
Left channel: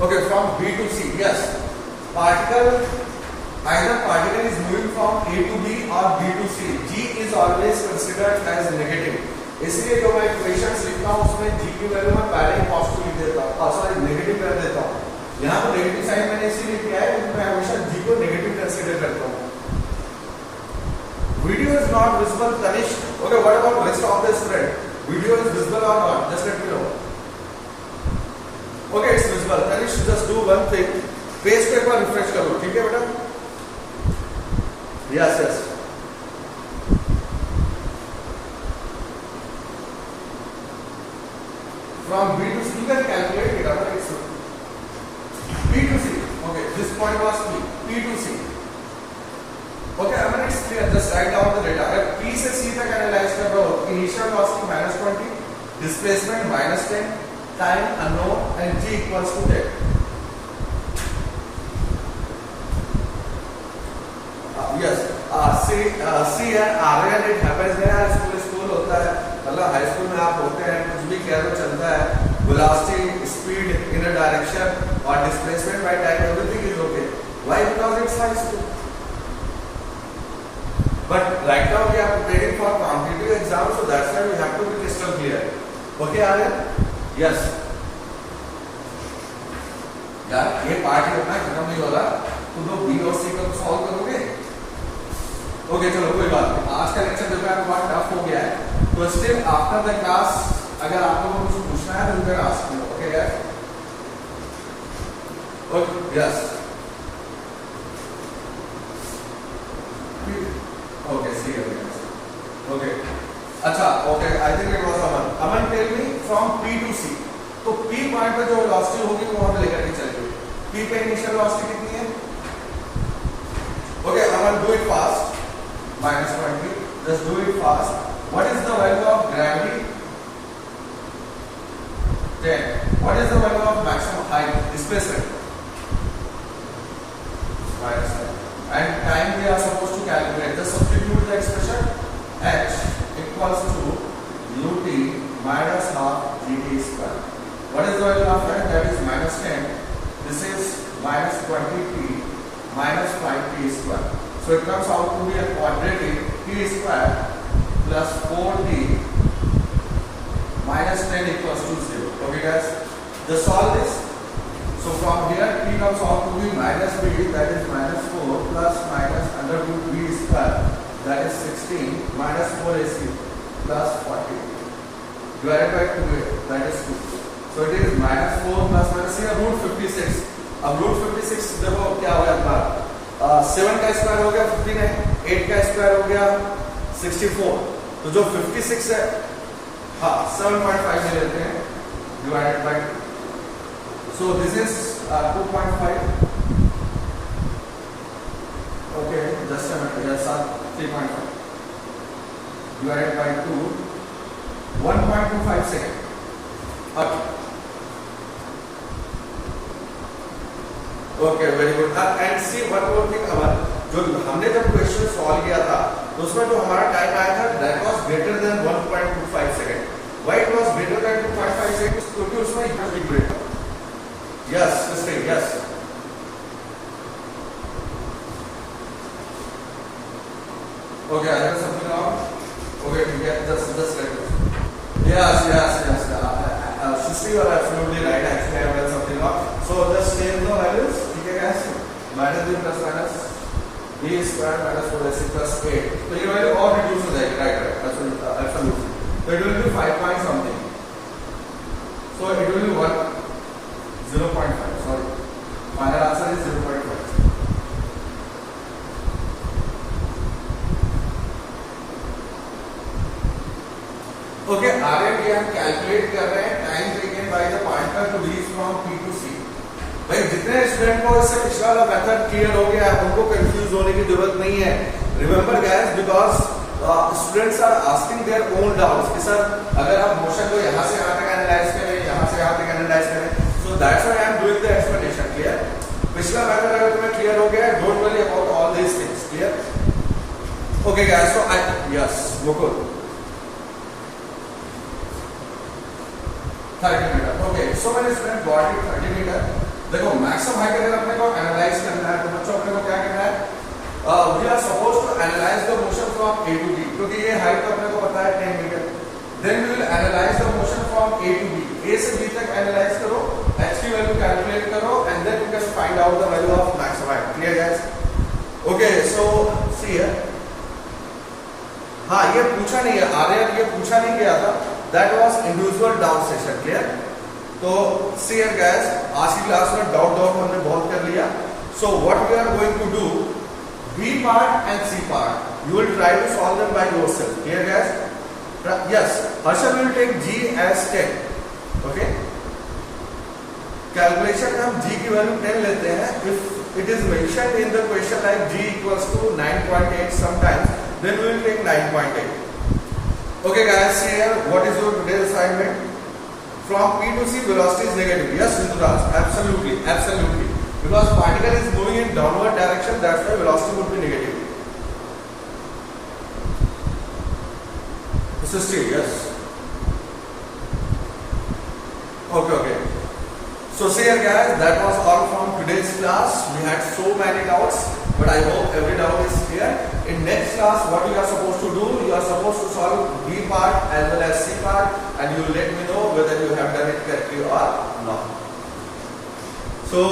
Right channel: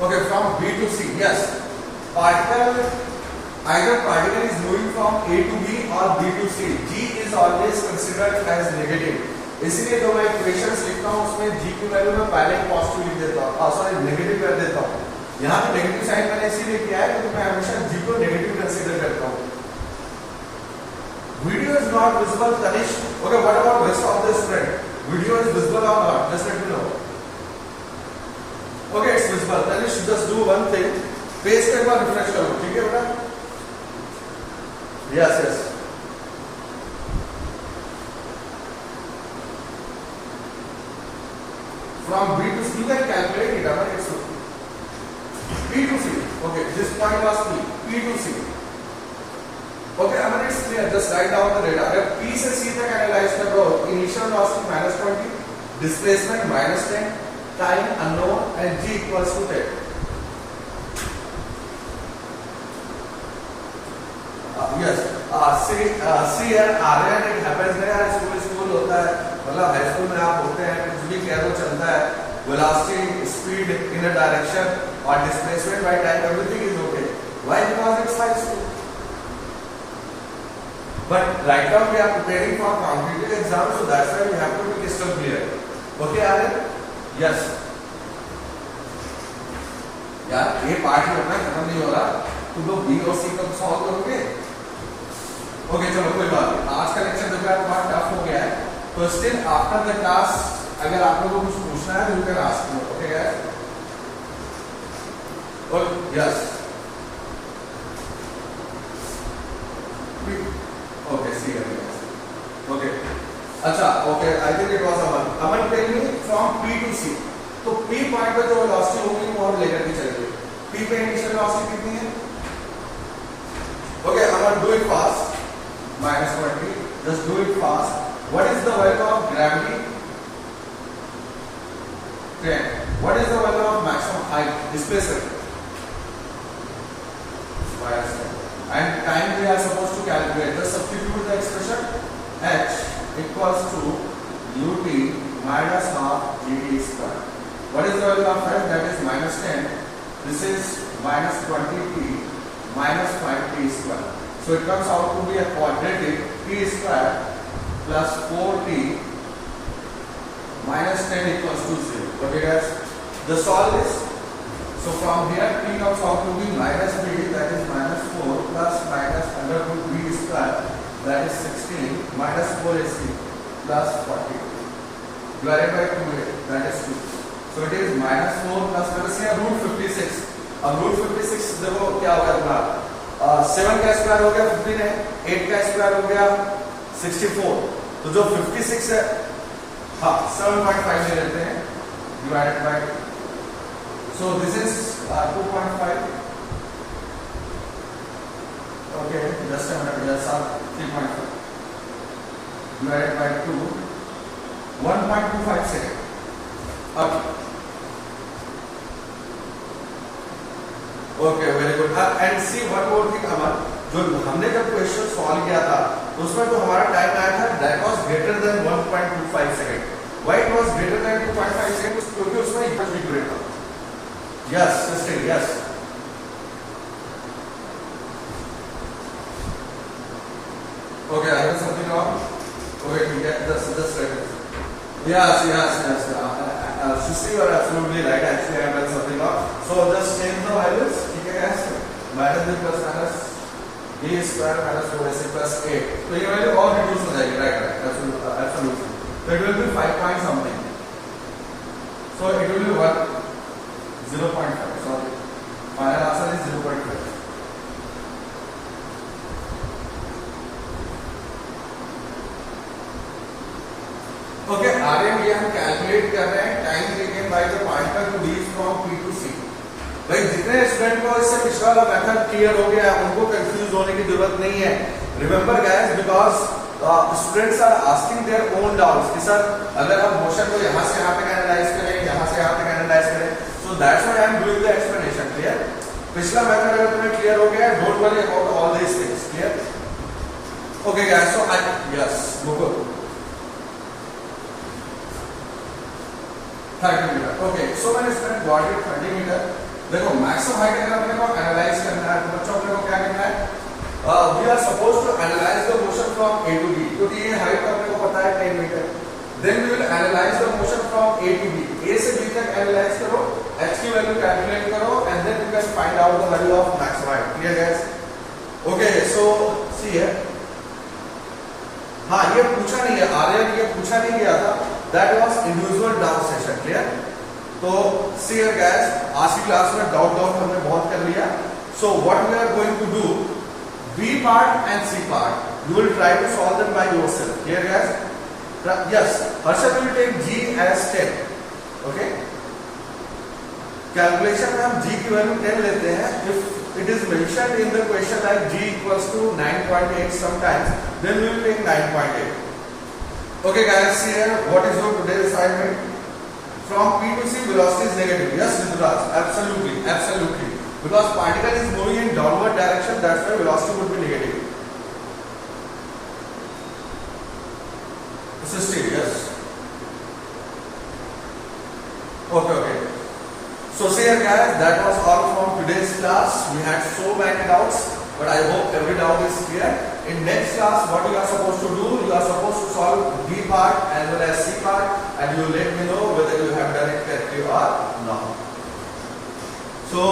Okay, from B to C, yes. Either particle is moving from A to B or B to C. G is always considered as negative. इसलिए जो मैं equations लिखता हूँ उसमें जी की value में पहले ही positive लिख देता हूँ, सॉरी नेगेटिव कर देता हूँ। यहाँ पे नेगेटिव साइन मैंने इसीलिए किया है क्योंकि मैं हमेशा जी को नेगेटिव कंसीडर करता हूँ। Video is not visible Tanish. Okay, what about rest of the student? Video is visible और not? Just let me know. Okay, it's visible. Tanish, just do one thing, page पे एक बार रिफ्रेश करो, ठीक है बेटा? Yes. From B to C, you can calculate it. It's B to C. Okay, this point was P. P to C. Okay, it's clear. Just write down the data. अगर P से C तक analyse कर रहे हो, initial velocity -20, displacement -10, time unknown and G equals to 10. Yes. See here, Aryan, it happens there. School होता है, मतलब high school में आप होते हैं, कुछ भी कह दो चलता है। Velocity, speed in a direction और displacement by time, everything is okay. Why? Because it's high school. But right now we are preparing for competitive exam, so that's why we have to be crystal clear. Okay Aryan? Yes. यार ये part ही होना खत्म नहीं हो रहा, तुम लोग B और सी को सॉल्व करोगे। ओके, चलो कोई बात नहीं। आज का लेक्चर जो है बहुत टफ हो गया है, तो स्टिल आफ्टर द क्लास अगर आप लोगों को कुछ पूछना है तो you can ask me. Okay guys? Okay, yes. Okay, see you. Okay, अच्छा, okay, I think it was Aman tell me from P to C. तो पी पॉइंट पे जो वेलोसिटी होगी वो हम लेकर के चलेंगे। पी पे इनिशियल वेलोसिटी कितनी है? Okay, Aman do it fast. -20, just do it fast. What is the value of gravity? 10. What is the value of maximum height? Displacement? minus 10. And time we are supposed to calculate. Just substitute the expression h equals to ut minus half gt square. What is the value of time? That is minus 10. This is minus 20t minus 5t square. So it comes out to be a quadratic t square plus 4t minus 10 equals to 0. Okay guys, just solve this. So from here t comes out to be minus b, that is minus 4 plus minus under root b square, that is 16 minus 4ac plus 40 divided by 2a, that is 2. So it is minus 4 plus root 56. अब root 56 देखो क्या होगा तुम्हारा 7 का square हो गया 15 है, 8 का स्क्वायर हो गया 64. तो जो 56 है हाँ 7.5 ले लेते हैं divided by, so this is 2.5. Okay just a minute, 3.5 divided by 2, 1.25 second. अब okay very good. And see one more thing, जो हमने जब क्वेश्चन सॉल्व किया था तो उसमें जो हमारा टाइम आया था that was greater than 1.25 second. Why it was greater than 2.5 second? क्योंकि उसमें इक्वल डिग्रेड था. Yes mister yes. Okay I have something wrong. Okay ठीक है, just like this. Yes yes yes Sushi, you are absolutely right. Actually, I have done something wrong. So just change the values. ठीक है guys? Minus b plus minus b square minus 4ac plus 8. तो ये value और reduce हो जाएगी, right? Absolutely. So it will be 5 point something. So it will be 0.5. Sorry. Final answer is 0.5. Okay आरएम की हम कैलकुलेट कर रहे हैं time taken by the pointer to reach from P to C. भाई जितने स्टूडेंट को इससे पिछला वाला मेथड क्लियर हो गया है उनको कंफ्यूज होने की जरूरत नहीं है. Remember guys, because students are asking their own doubts कि सर अगर हम मोशन को यहां से यहां तक एनालाइज करें, यहां से यहां तक एनालाइज करें, so that's why I am doing the explanation. Clear? पिछला मेथड अगर तुम्हें क्लियर हो गया, don't worry about all these things. Clear? Okay guys, so I yes Mukul 30 metre. Okay so मैंने स्टूडेंट गॉट इट 30 मीटर. देखो maximum height अगर अपने को एनालाइज करना है तो बच्चों अपने को क्या करना है? We are suppose to analyze the motion from A to B, क्योंकि ये हाइट अपने को पता है 10 meter. Then we will analyse the motion from A to B. A से बी तक एनालाइज करो, एच की वैल्यू कैलकुलेट करो and then you can find out the value of maximum height. Clear guys? Okay so see here. हाँ ये पूछा नहीं है आर्यन, ये पूछा नहीं गया था. That was individual doubt session. Clear? तो see here guys, आज की क्लास में डाउट हमने बहुत कर लिया. So what we are going to do, B part and C part, you will try to solve them by yourself. Clear guys? Yes, Harshad will take G as 10. Okay? Calculation में हम G की value 10 लेते हैं. If it is mentioned in the question like G equals to 9.8 sometimes, then we will take 9.8. Okay guys, see here what is your today's assignment. From P to C velocity is negative. Yes, Rituraj, absolutely, absolutely. Because particle is moving in downward direction, that's why velocity would be negative. This is true, yes. Okay. So see here guys, that was all from today's class. We had so many doubts, but I hope every doubt is clear. In next class, what you are supposed to do, you are supposed to solve B part as well as C part, and you let me know whether you have done it correctly or not. So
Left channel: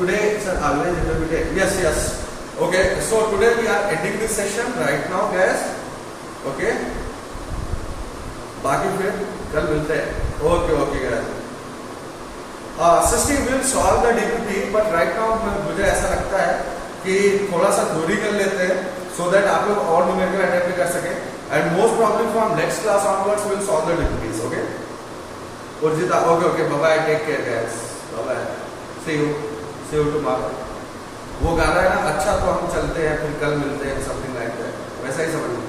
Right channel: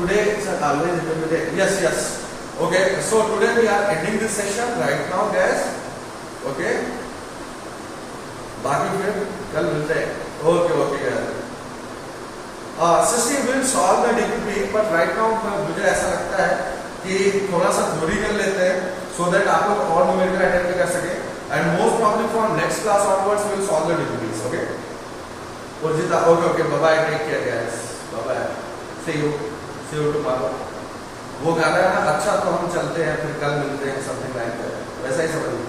today it's an always day. Yes. Okay, so today we are ending this session right now, guys. Okay. बाकी फिर कल मिलते हैं. Okay, guys. Sister will solve the DPP, but right now मुझे ऐसा लगता है कि थोड़ा सा थ्योरी कर लेते हैं so that आप लोग और न्यूमेरिकल अटेम्प्ट कर सके. And most probably from next class onwards we will solve the DPPs. Okay? Urjita, okay. Bye. Take care, guys. Bye. See you tomorrow. वो गाना है ना, अच्छा तो हम चलते हैं फिर कल मिलते हैं, समथिंग लाइक दैट. वैसा ही समझ लो.